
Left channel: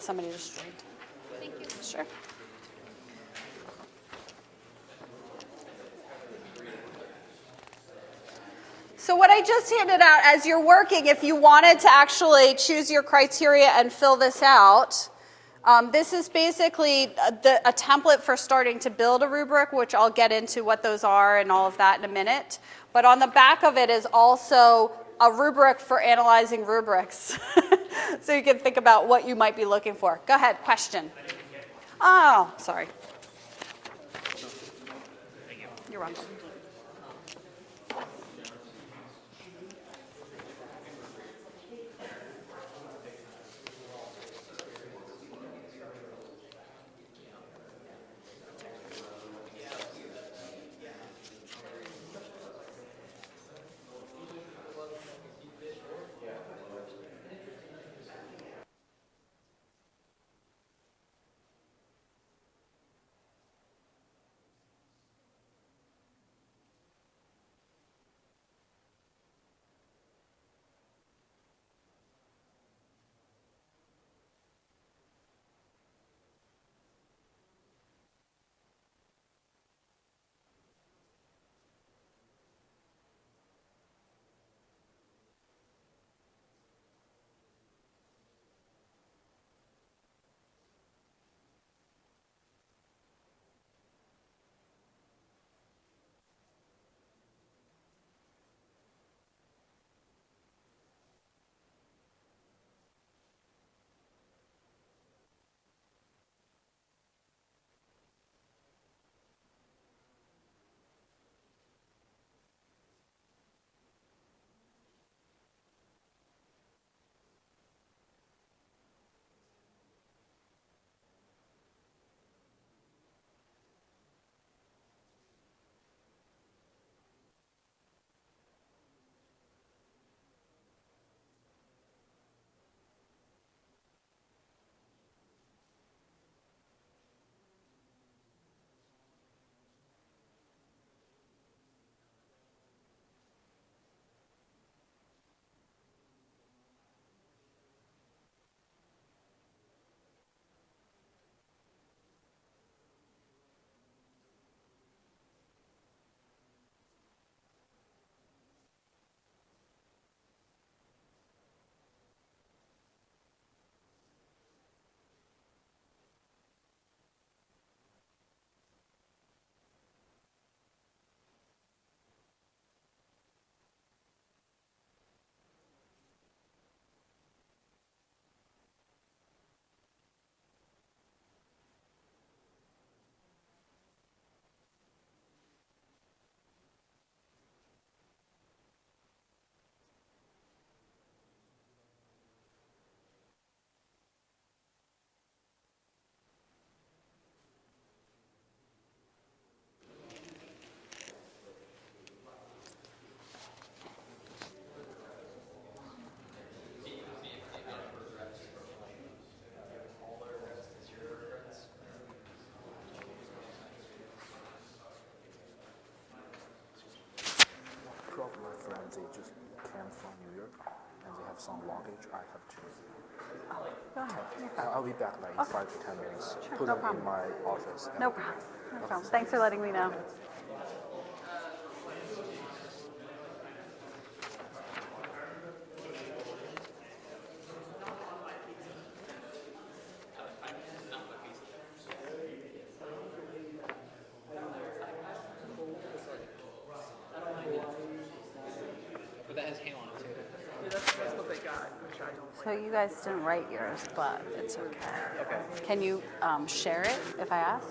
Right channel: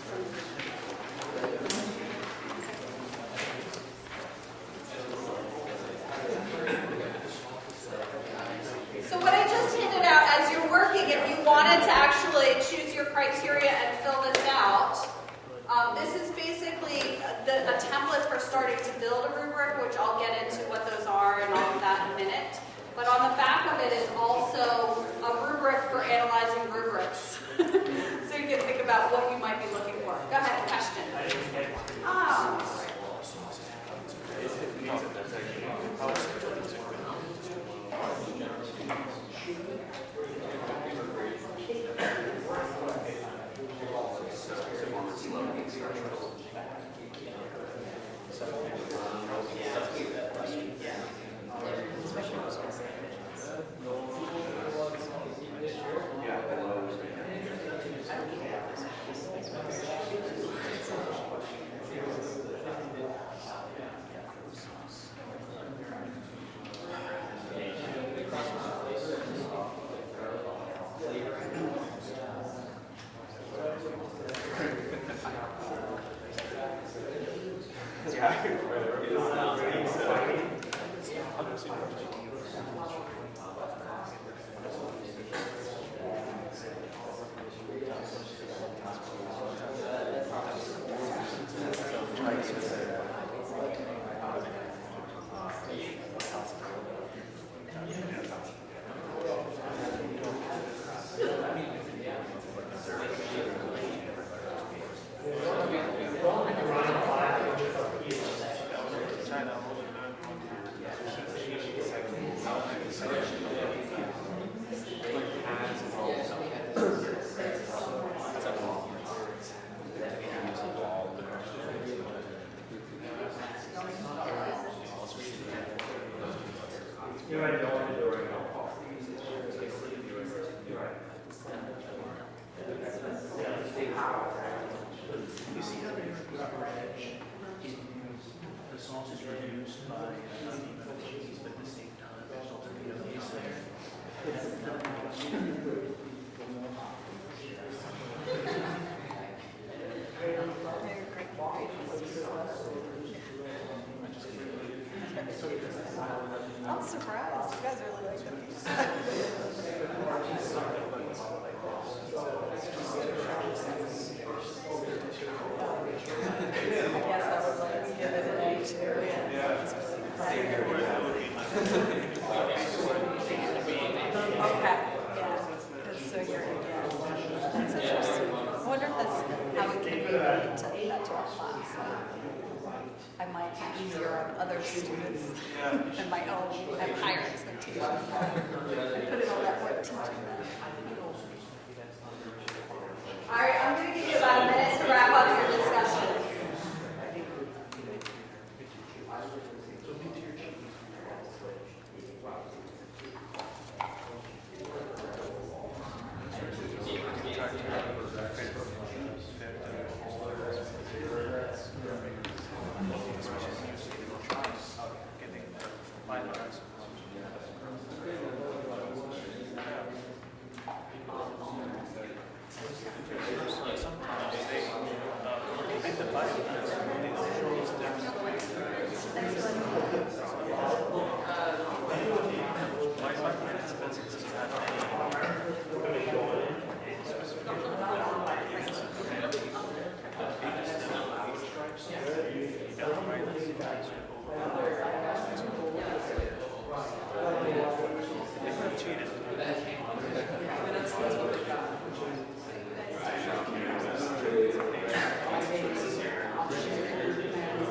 Somebody sure. So what I just handed out as you're working, if you wanted to actually choose your criteria and fill this out, this is basically a template for starting to build a rubric, which I'll get into what those are and all of that in a minute. But on the back of it is also a rubric for analyzing rubrics. So you can think about what you might be looking for. Go ahead, question. Oh, sorry. You're welcome. I'm surprised. You guys really like the piece. I guess I would like to give it an A too. Yeah. Okay. Yeah. So you're, that's interesting. I wonder if that's how we can relate to that to our class. I might be easier on other students than my own. I have higher expectations. I put in all that work teaching them. All right, I'm going to give you about a minute to wrap up your discussion. Nope. No, thanks for letting me know. guys didn't write yours, but can you share it if I ask?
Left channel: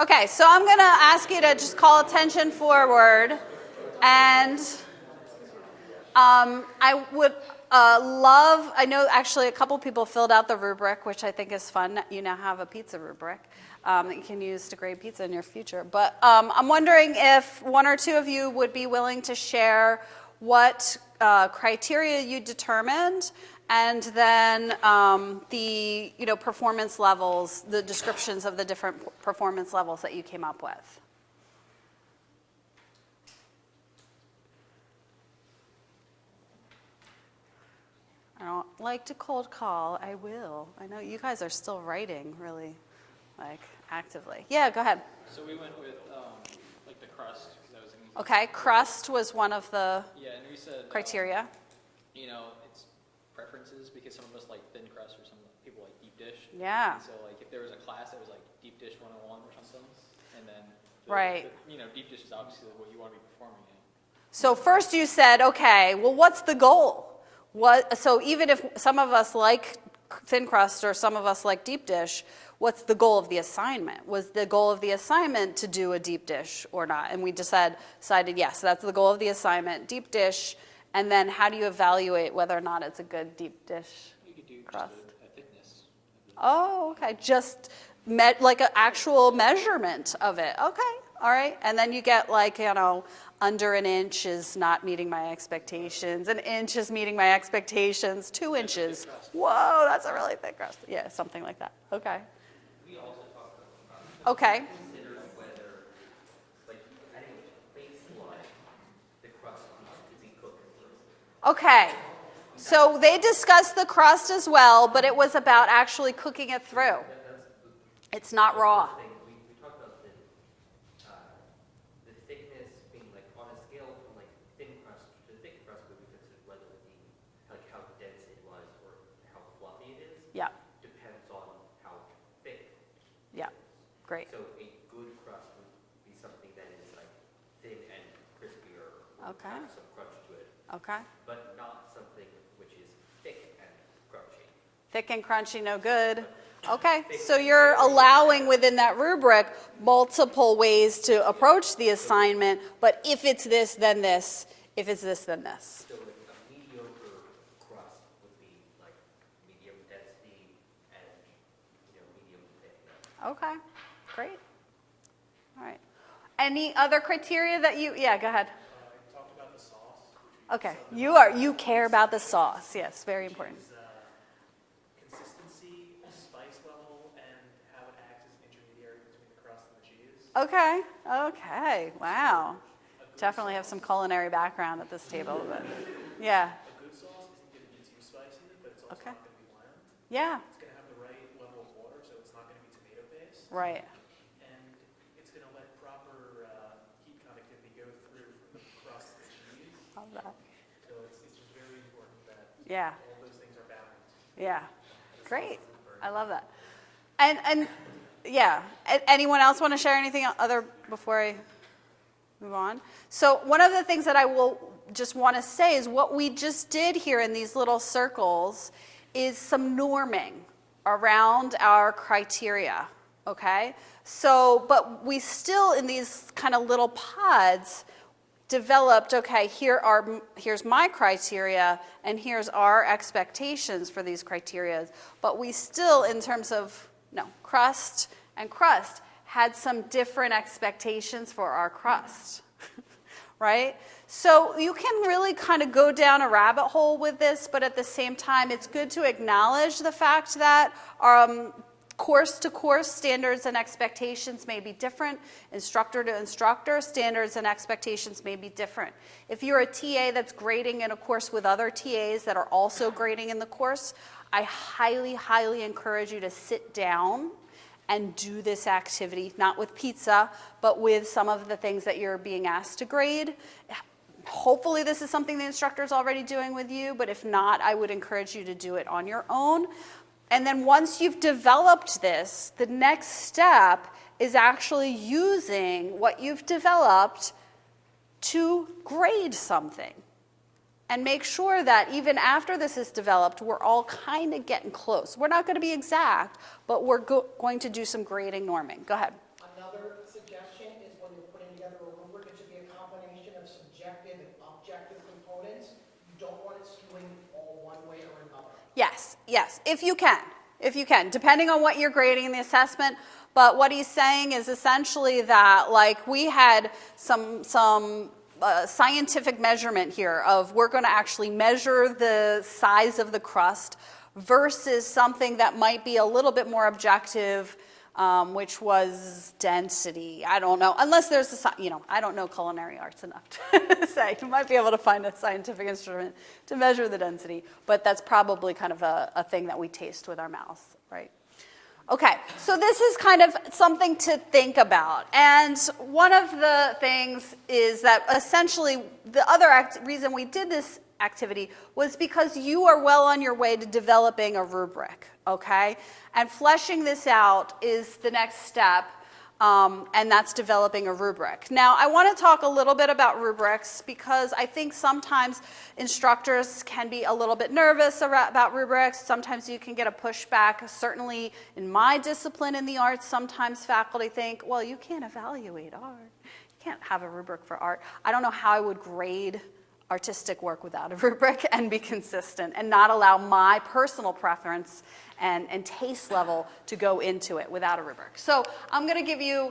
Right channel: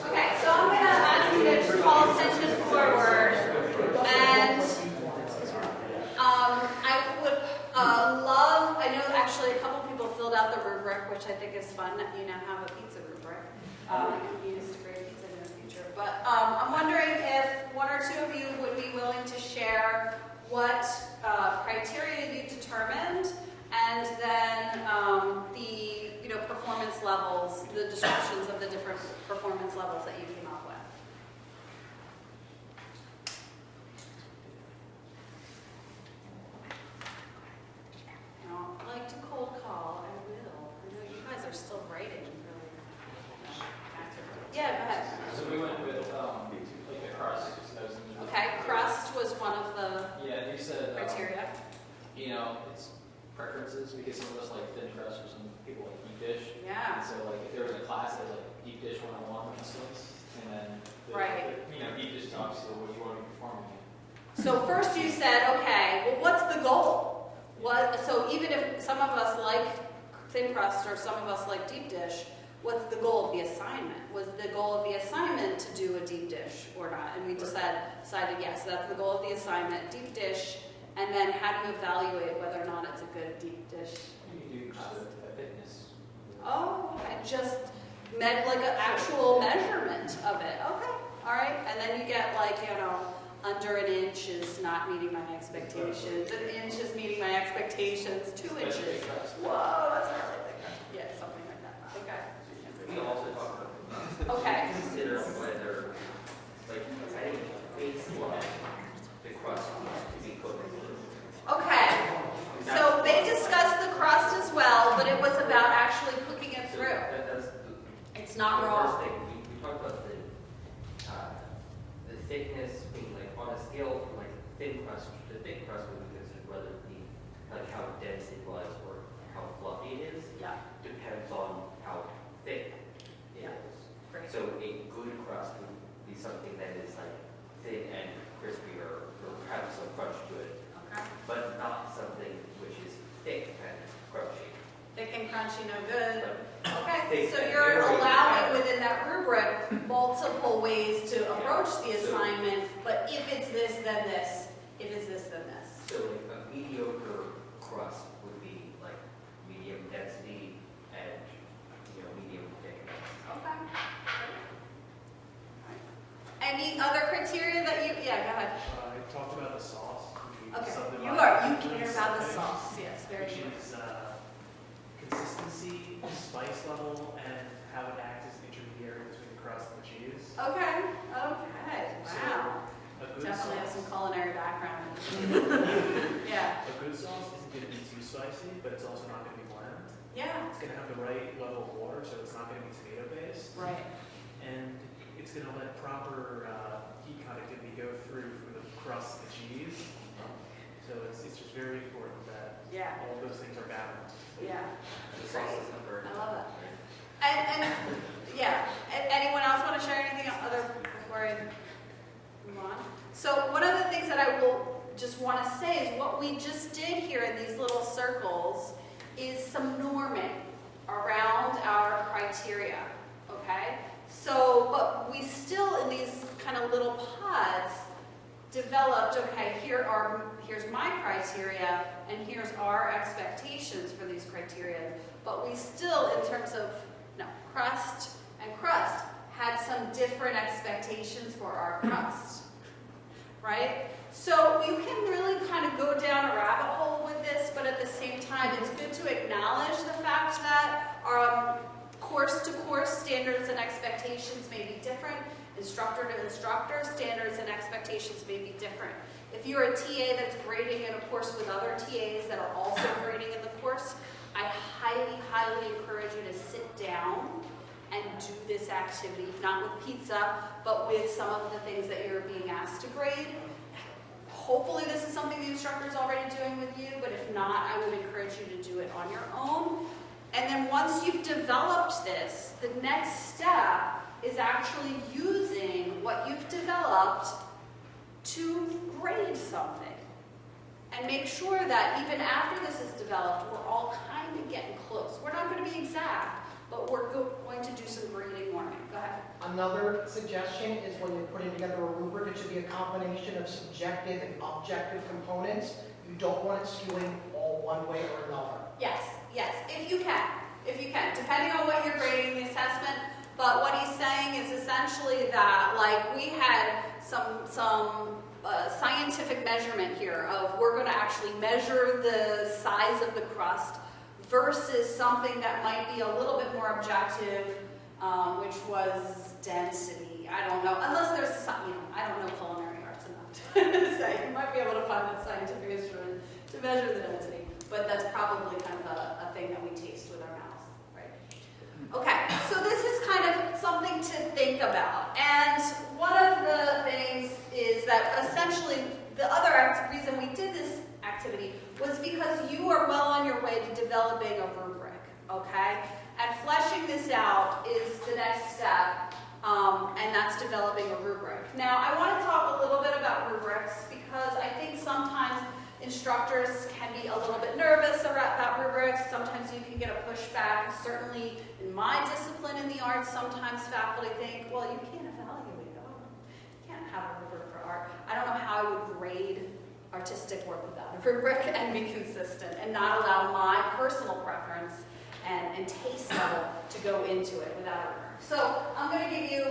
Okay, so I'm going to ask you to just call attention forward, and I would love, I know actually a couple people filled out the rubric, which I think is fun. You now have a pizza rubric that you can use to grade pizza in your future. But I'm wondering if one or two of you would be willing to share what criteria you determined, and then the performance levels, the descriptions of the different performance levels that you came up with. I don't like to cold call. I will. I know you guys are still writing really actively. Yeah, go ahead. So we went with like the crust. Okay, crust was one of the Yeah, you said criteria. It's preferences because some of us like thin crust or some people like deep dish. Yeah. And so like if there was a class that was like deep dish 101 or something, and then Right. deep dish is obviously what you want to be performing in. So first you said, okay, well, what's the goal? So even if some of us like thin crust or some of us like deep dish, what's the goal of the assignment? Was the goal of the assignment to do a deep dish or not? And we decided yes, that's the goal of the assignment, deep dish. And then how do you evaluate whether or not it's a good deep dish You can do crust? just a fitness. Oh, okay, just like an actual measurement of it. Okay, all right. And then you get under an inch is not meeting my expectations. An inch is meeting my expectations. 2 inches. Whoa, that's a really thick crust. Yeah, something like that. Okay. We also talk about Okay. consider whether, like, at a baseline, the crust needs to be cooked. Okay. So they discussed the crust as well, but it was about actually cooking it through. That's It's not the raw. first thing. We talked about the thickness being like on a scale from like thin crust to thick crust, we would consider whether like how dense it was or how fluffy it is. Yeah. Depends on how thick Yeah. it is. Great. So a good crust would be something that is like thin and crispy or Okay. have some crunch to it, Okay. but not something which is thick and crunchy. Thick and crunchy, no good. But Okay, so you're allowing within that rubric multiple ways to approach the assignment, but if it's this, then this. If it's this, then this. So like a mediocre crust would be like medium density and medium thickness. Okay, great. All right. Any other criteria that you, yeah, go ahead. I talked about the sauce. which Okay, is something you like care about the sauce. Yes, very which important. is consistency, spice level, and how it acts as an intermediary between the crust and the cheese. Okay, okay, wow. A good Definitely have sauce- some culinary background at this table. Yeah, A good sauce isn't going to be too spicy, but it's also not going to be bland. yeah, It's going to have the right level of water, so it's not going to be tomato based. right. And it's going to let proper heat conductivity go through from the crust to the cheese. So it's just very important that Yeah, all of those things are balanced. yeah. Great. I love that. And yeah, anyone else want to share anything other before I move on? So one of the things that I will just want to say is what we just did here in these little circles is some norming around our criteria, okay? So, but we still in these kind of little pods developed, okay, here's my criteria and here's our expectations for these criteria. But we still, in terms of crust and crust, had some different expectations for our crust, right? So you can really kind of go down a rabbit hole with this, but at the same time, it's good to acknowledge the fact that course-to-course standards and expectations may be different. Instructor-to-instructor standards and expectations may be different. If you're a TA that's grading in a course with other TAs that are also grading in the course, I highly, highly encourage you to sit down and do this activity, not with pizza, but with some of the things that you're being asked to grade. Hopefully this is something the instructor is already doing with you, but if not, I would encourage you to do it on your own. And then once you've developed this, the next step is actually using what you've developed to grade something and make sure that even after this is developed, we're all kind of getting close. We're not going to be exact, but we're going to do some grading norming. Go ahead. Another suggestion is when you're putting together a rubric, it should be a combination of subjective and objective components. You don't want it skewing all one way or another. Yes, if you can, depending on what you're grading in the assessment. But what he's saying is essentially that, like, we had some scientific measurement here of we're going to actually measure the size of the crust versus something that might be a little bit more objective, which was density. I don't know, unless there's I don't know culinary arts enough to say. You might be able to find a scientific instrument to measure the density, but that's probably kind of a thing that we taste with our mouths, right? Okay, so this is kind of something to think about. And one of the things is that essentially the other reason we did this activity was because you are well on your way to developing a rubric, okay? And fleshing this out is the next step, and that's developing a rubric. Now, I want to talk a little bit about rubrics because I think sometimes instructors can be a little bit nervous about rubrics. Sometimes you can get a pushback. Certainly in my discipline in the arts, sometimes faculty think, well, you can't evaluate art. You can't have a rubric for art. I don't know how I would grade artistic work without a rubric and be consistent and not allow my personal preference and taste level to go into it without a rubric. So I'm going to give you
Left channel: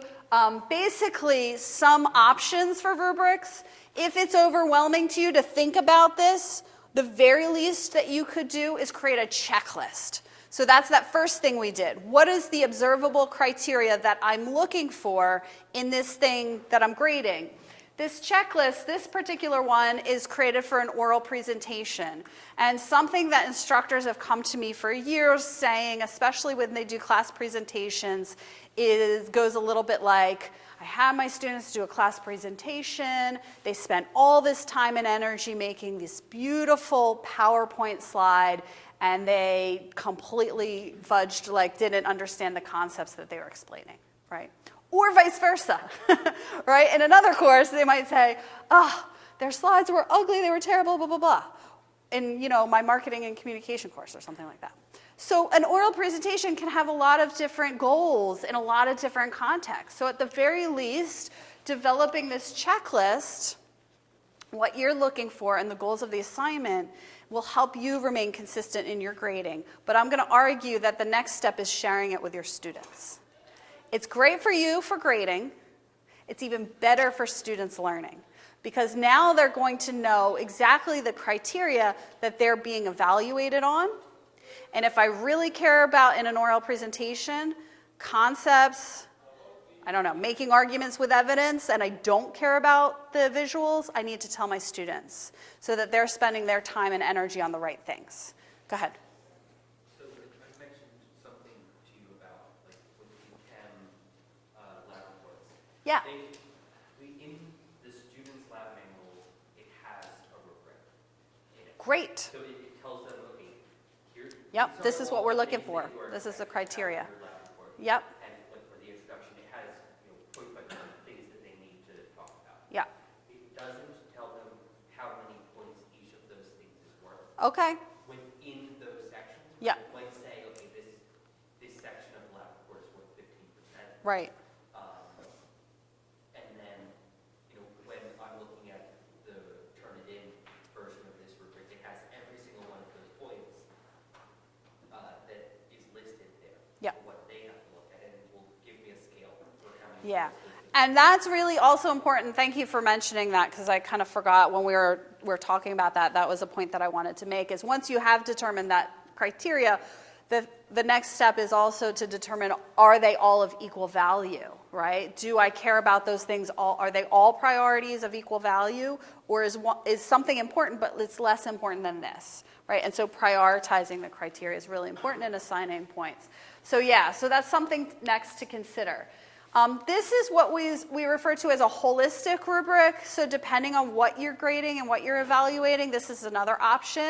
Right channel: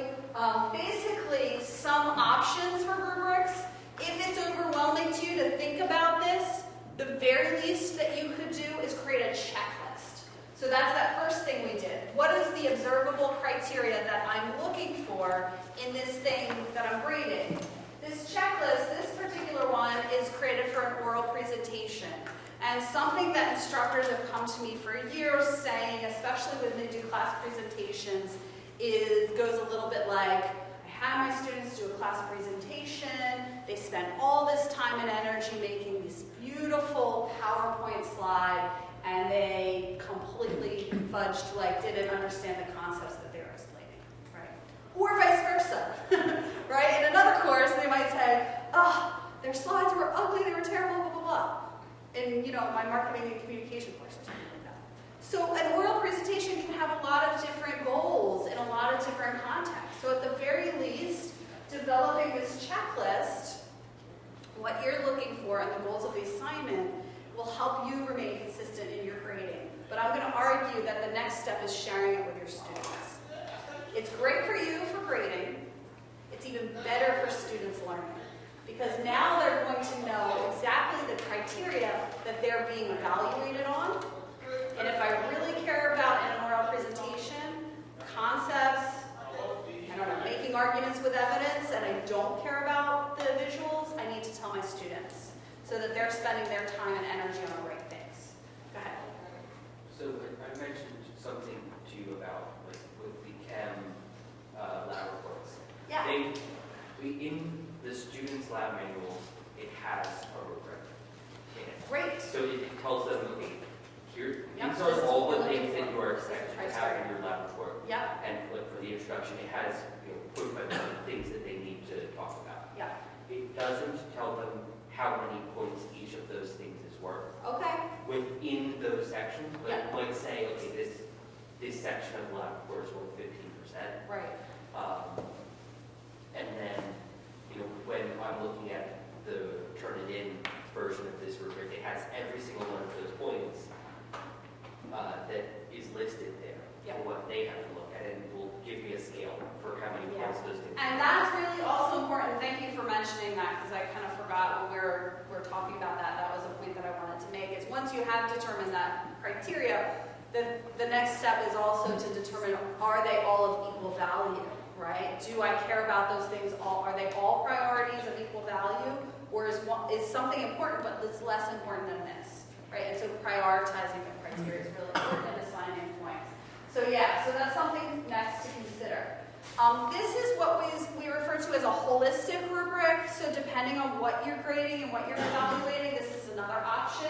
basically some options for rubrics. If it's overwhelming to you to think about this, the very least that you could do is create a checklist. So that's that first thing we did. What is the observable criteria that I'm looking for in this thing that I'm grading? This checklist, this particular one, is created for an oral presentation. And something that instructors have come to me for years saying, especially when they do class presentations, goes a little bit like, I have my students do a class presentation, they spent all this time and energy making this beautiful PowerPoint slide, and they completely fudged, like didn't understand the concepts that they were explaining, right? Or vice versa, right? In another course, they might say, oh, their slides were ugly, they were terrible, blah, blah, blah. In, my marketing and communication course or something like that. So an oral presentation can have a lot of different goals in a lot of different contexts. So at the very least, developing this checklist, what you're looking for and the goals of the assignment will help you remain consistent in your grading. But I'm going to argue that the next step is sharing it with your students. It's great for you for grading. It's even better for students learning. Because now they're going to know exactly the criteria that they're being evaluated on. And if I really care about in an oral presentation, concepts, making arguments with evidence, and I don't care about the visuals, I need to tell my students so that they're spending their time and energy on the right things. Go ahead. So I mentioned something to you about with the chem lab reports. Yeah. In the students' lab manuals, it has a rubric in it. Great. So it tells them, okay, here. Yep, these this are is all what we're the looking things for. that you are This is the expected to have criteria. in your lab report. Yep. And like for the introduction, it has quick things that they need to talk about. Yeah. It doesn't tell them how many points each of those things is worth. Okay. Within those sections, Yeah. it might say, okay, this section of the lab report is worth 15%. Right. And then, when I'm looking at the Turnitin version of this rubric, it has every single one of those points that is listed there. Yep. For what they have to look at, and will give me a scale for how many Yeah. points those things And that's really also important. Thank you for mentioning that, because I kind of forgot when we were talking about that. That was a point that I wanted to make, is once you have determined that criteria, the next step is also to determine, are they all of equal value, right? Do I care about those things? Are they all priorities of equal value? Or is something important, but it's less important than this, right? And so prioritizing the criteria is really important in assigning points. So so that's something next to consider. This is what we refer to as a holistic rubric. So depending on what you're grading and what you're evaluating, this is another option.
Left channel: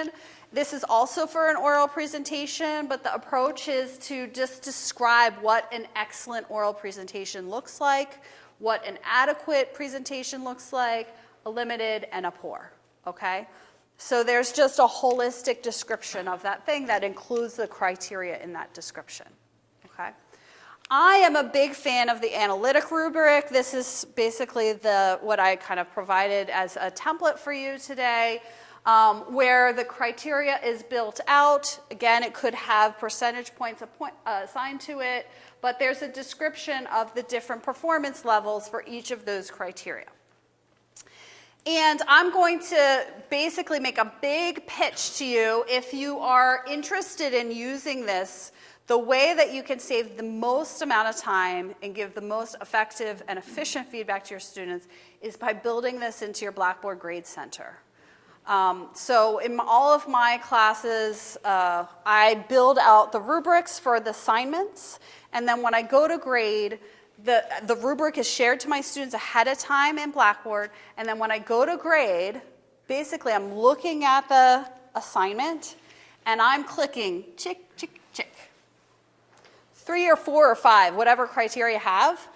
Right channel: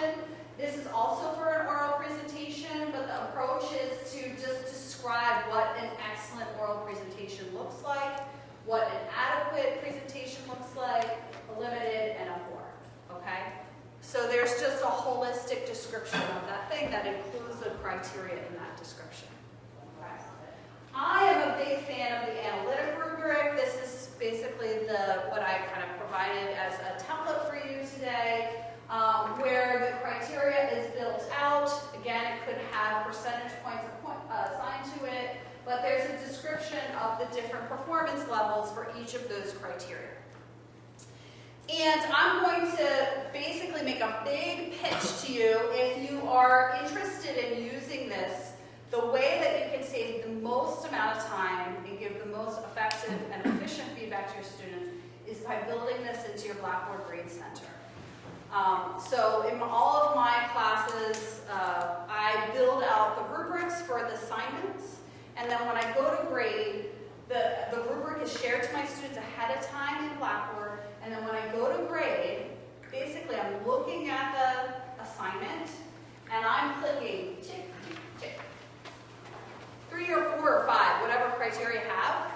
This is also for an oral presentation, but the approach is to just describe what an excellent oral presentation looks like, what an adequate presentation looks like, a limited, and a poor, okay? So there's just a holistic description of that thing that includes the criteria in that description, okay? I am a big fan of the analytic rubric. This is basically what I kind of provided as a template for you today, where the criteria is built out. Again, it could have percentage points assigned to it, but there's a description of the different performance levels for each of those criteria. And I'm going to basically make a big pitch to you if you are interested in using this. The way that you can save the most amount of time and give the most effective and efficient feedback to your students is by building this into your Blackboard Grade Center. So in all of my classes, I build out the rubrics for the assignments, and then when I go to grade, the rubric is shared to my students ahead of time in Blackboard, and then when I go to grade, basically I'm looking at the assignment, and I'm clicking tick, tick, tick. 3 or 4 or 5, whatever criteria you have,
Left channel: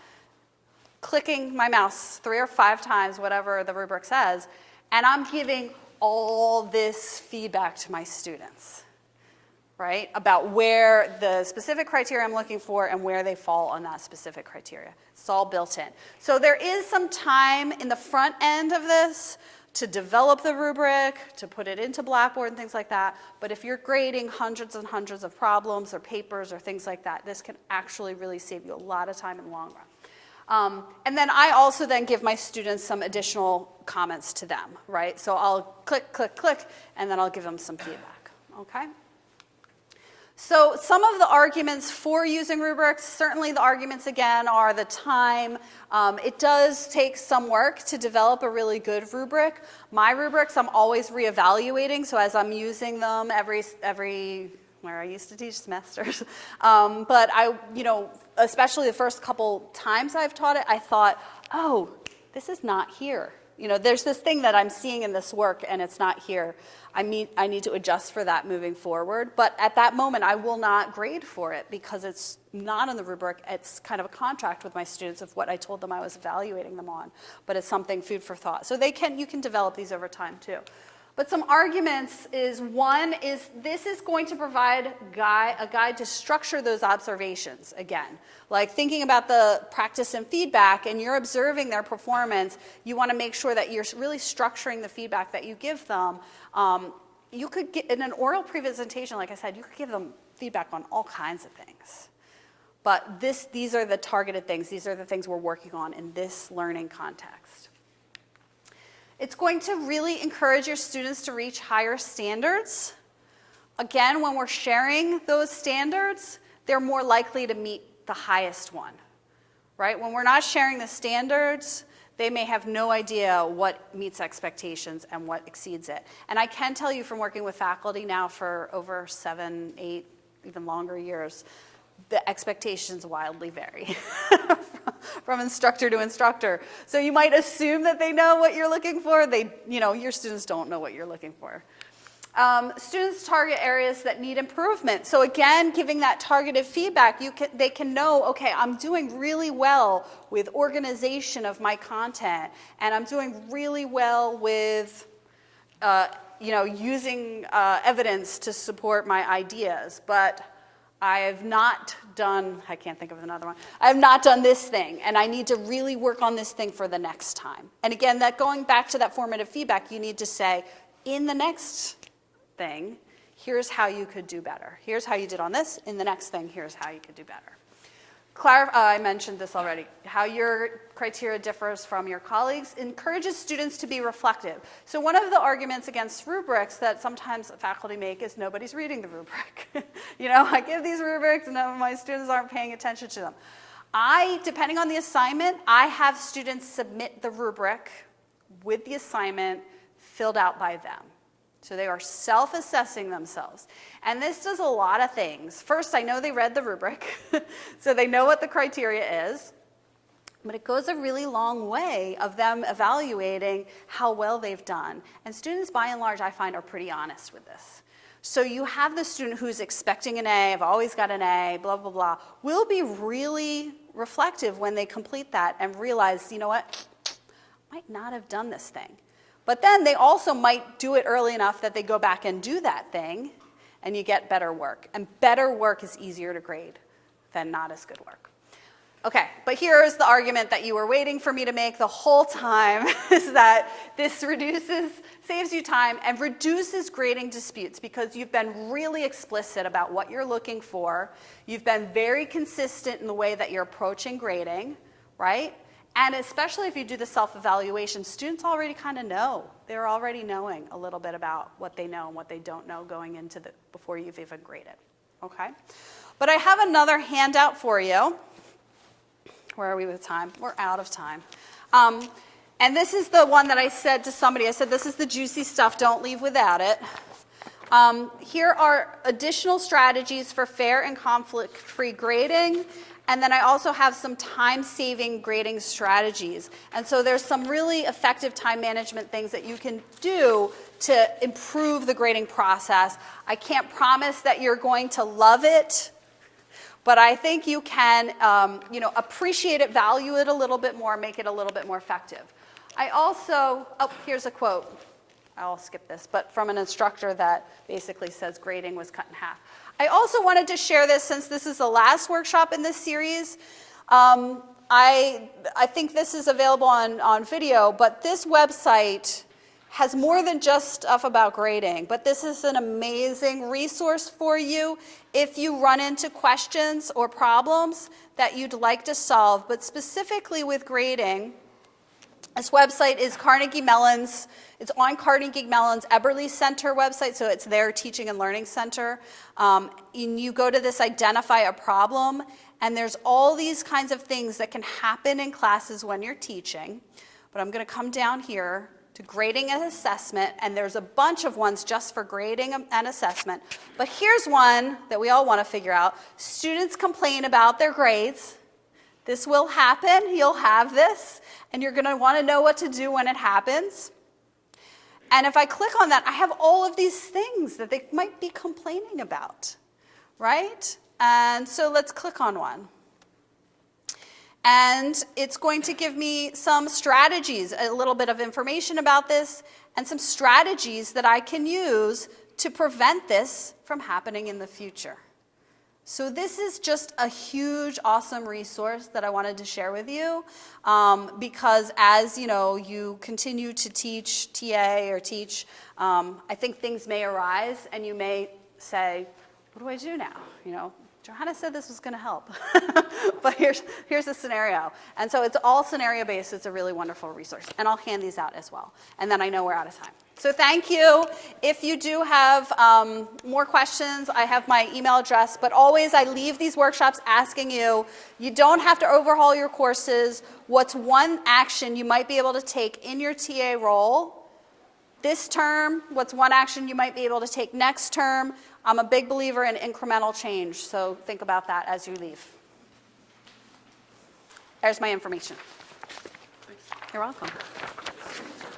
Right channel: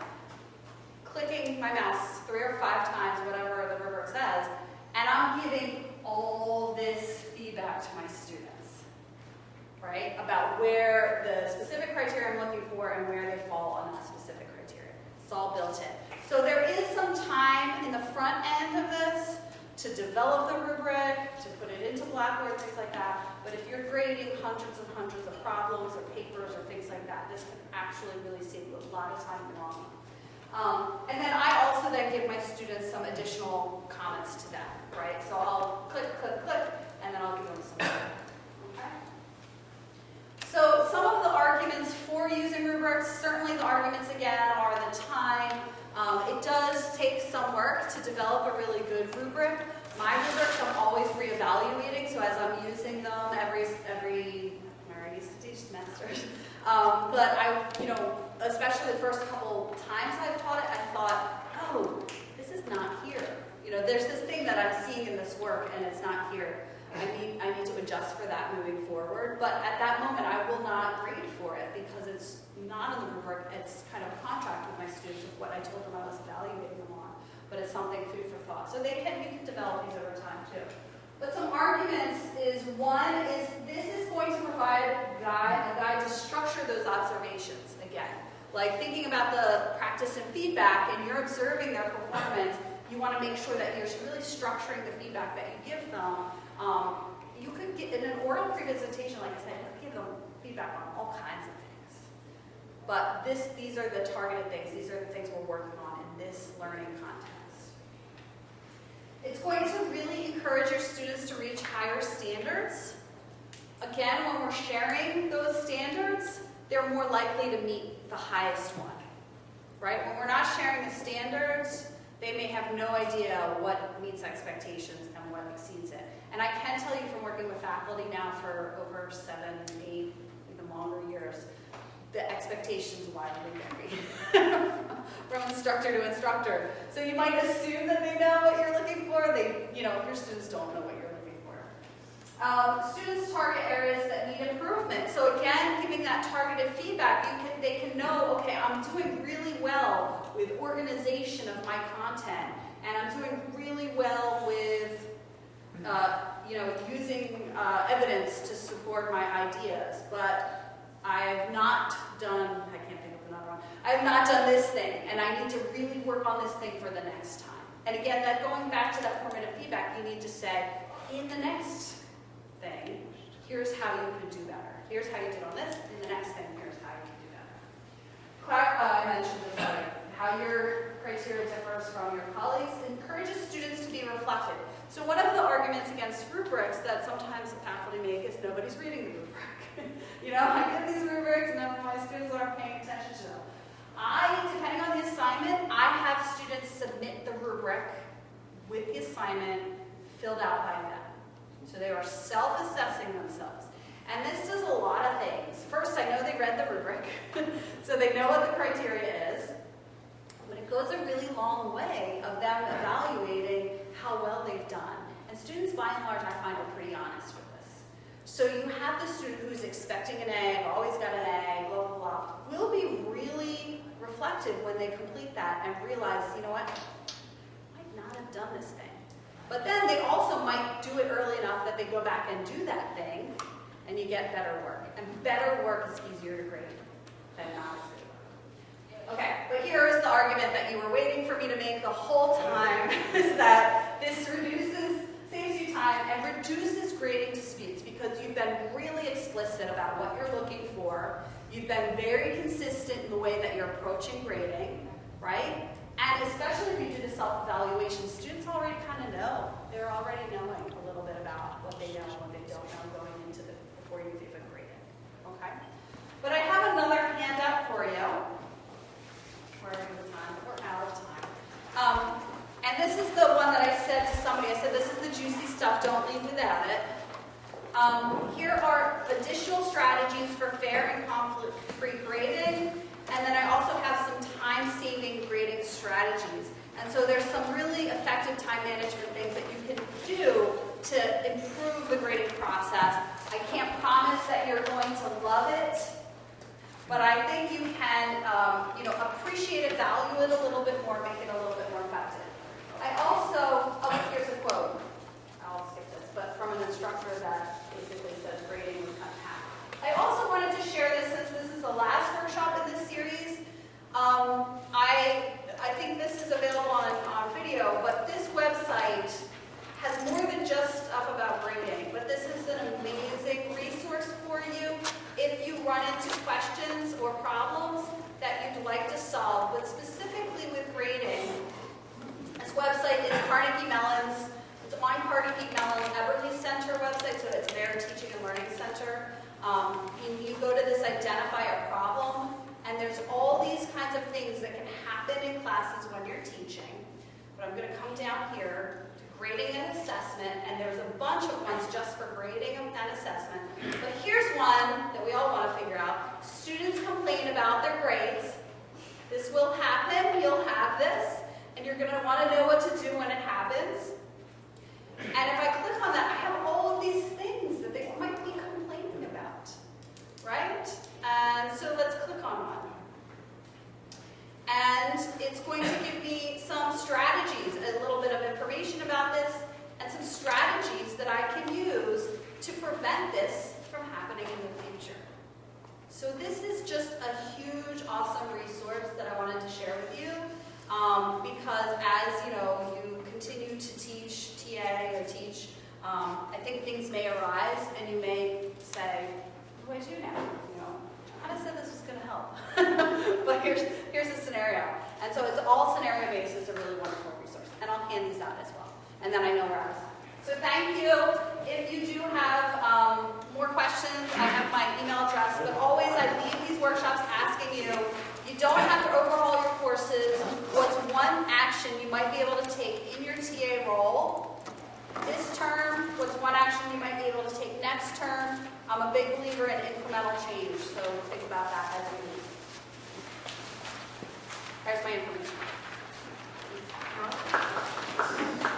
clicking my mouse 3 or 5 times, whatever the rubric says, and I'm giving all this feedback to my students, right? About where the specific criteria I'm looking for and where they fall on that specific criteria. It's all built in. So there is some time in the front end of this to develop the rubric, to put it into Blackboard and things like that. But if you're grading hundreds and hundreds of problems or papers or things like that, this can actually really save you a lot of time in the long run. And then I also then give my students some additional comments to them, right? So I'll click, click, click, and then I'll give them some feedback, okay? So some of the arguments for using rubrics, certainly the arguments again are the time. It does take some work to develop a really good rubric. My rubrics I'm always reevaluating, so as I'm using them every where I used to teach semesters. But especially the first couple times I've taught it, I thought, oh, this is not here. There's this thing that I'm seeing in this work and it's not here. I need to adjust for that moving forward. But at that moment, I will not grade for it because it's not in the rubric. It's kind of a contract with my students of what I told them I was evaluating them on. But it's something food for thought. So you can develop these over time too. But some arguments is, one is this is going to provide a guide to structure those observations again. Like thinking about the practice and feedback and you're observing their performance, you want to make sure that you're really structuring the feedback that you give them. You could get in an oral presentation, like I said, you could give them feedback on all kinds of things. But these are the targeted things. These are the things we're working on in this learning context. It's going to really encourage your students to reach higher standards. Again, when we're sharing those standards, they're more likely to meet the highest one, right? When we're not sharing the standards, they may have no idea what meets expectations and what exceeds it. And I can tell you from working with faculty now for over 7, 8, even longer years, the expectations wildly vary from instructor to instructor. So you might assume that they know what you're looking for. Your students don't know what you're looking for. Students target areas that need improvement. So again, giving that targeted feedback, they can know, okay, I'm doing really well with organization of my content, and I'm doing really well with, using evidence to support my ideas. But I have not done, I can't think of another one, I have not done this thing, and I need to really work on this thing for the next time. And again, that going back to that formative feedback, you need to say, in the next thing, here's how you could do better. Here's how you did on this. In the next thing, here's how you could do better. I mentioned this already. How your criteria differs from your colleagues encourages students to be reflective. So one of the arguments against rubrics that sometimes faculty make is nobody's reading the rubric. I give these rubrics and my students aren't paying attention to them. Depending on the assignment, I have students submit the rubric with the assignment filled out by them. So they are self-assessing themselves. And this does a lot of things. First, I know they read the rubric, so they know what the criteria is. But it goes a really long way of them evaluating how well they've done. And students, by and large, I find, are pretty honest with this. So you have the student who's expecting an A, I've always got an A, blah, blah, blah, will be really reflective when they complete that and realize, you know what? might not have done this thing. But then they also might do it early enough that they go back and do that thing, and you get better work. And better work is easier to grade than not as good work. Okay, but here's the argument that you were waiting for me to make the whole time, is that this saves you time and reduces grading disputes because you've been really explicit about what you're looking for. You've been very consistent in the way that you're approaching grading, right? And especially if you do the self-evaluation, students already kind of know. They're already knowing a little bit about what they know and what they don't know going into before you've even graded, okay? But I have another handout for you. Where are we with time? We're out of time. And this is the one that I said to somebody, I said, this is the juicy stuff, don't leave without it. Here are additional strategies for fair and conflict-free grading. And then I also have some time-saving grading strategies. And so there's some really effective time management things that you can do to improve the grading process. I can't promise that you're going to love it, but I think you can appreciate it, value it a little bit more, make it a little bit more effective. I also, here's a quote. I'll skip this, but from an instructor that basically says grading was cut in half. I also wanted to share this since this is the last workshop in this series. I think this is available on video, but this website has more than just stuff about grading, but this is an amazing resource for you if you run into questions or problems that you'd like to solve, but specifically with grading. This website is Carnegie Mellon's. It's on Carnegie Mellon's Eberly Center website, so it's their teaching and learning center. And you go to this identify a problem, and there's all these kinds of things that can happen in classes when you're teaching. But I'm going to come down here to grading and assessment, and there's a bunch of ones just for grading and assessment. But here's one that we all want to figure out. Students complain about their grades. This will happen. You'll have this, and you're going to want to know what to do when it happens. And if I click on that, I have all of these things that they might be complaining about, right? And so let's click on one. And it's going to give me some strategies, a little bit of information about this, and some strategies that I can use to prevent this from happening in the future. So this is just a huge, awesome resource that I wanted to share with you. Because as you continue to teach TA or teach, I think things may arise and you may say, what do I do now? Johanna said this was going to help, but here's the scenario. And so it's all scenario based. It's a really wonderful resource, and I'll hand these out as well. And then I know we're out of time. So thank you. If you do have more questions, I have my email address, but always I leave these workshops asking you, you don't have to overhaul your courses. What's one action you might be able to take in your TA role this term? What's one action you might be able to take next term? I'm a big believer in incremental change, so think about that as you leave. There's my information. You're welcome.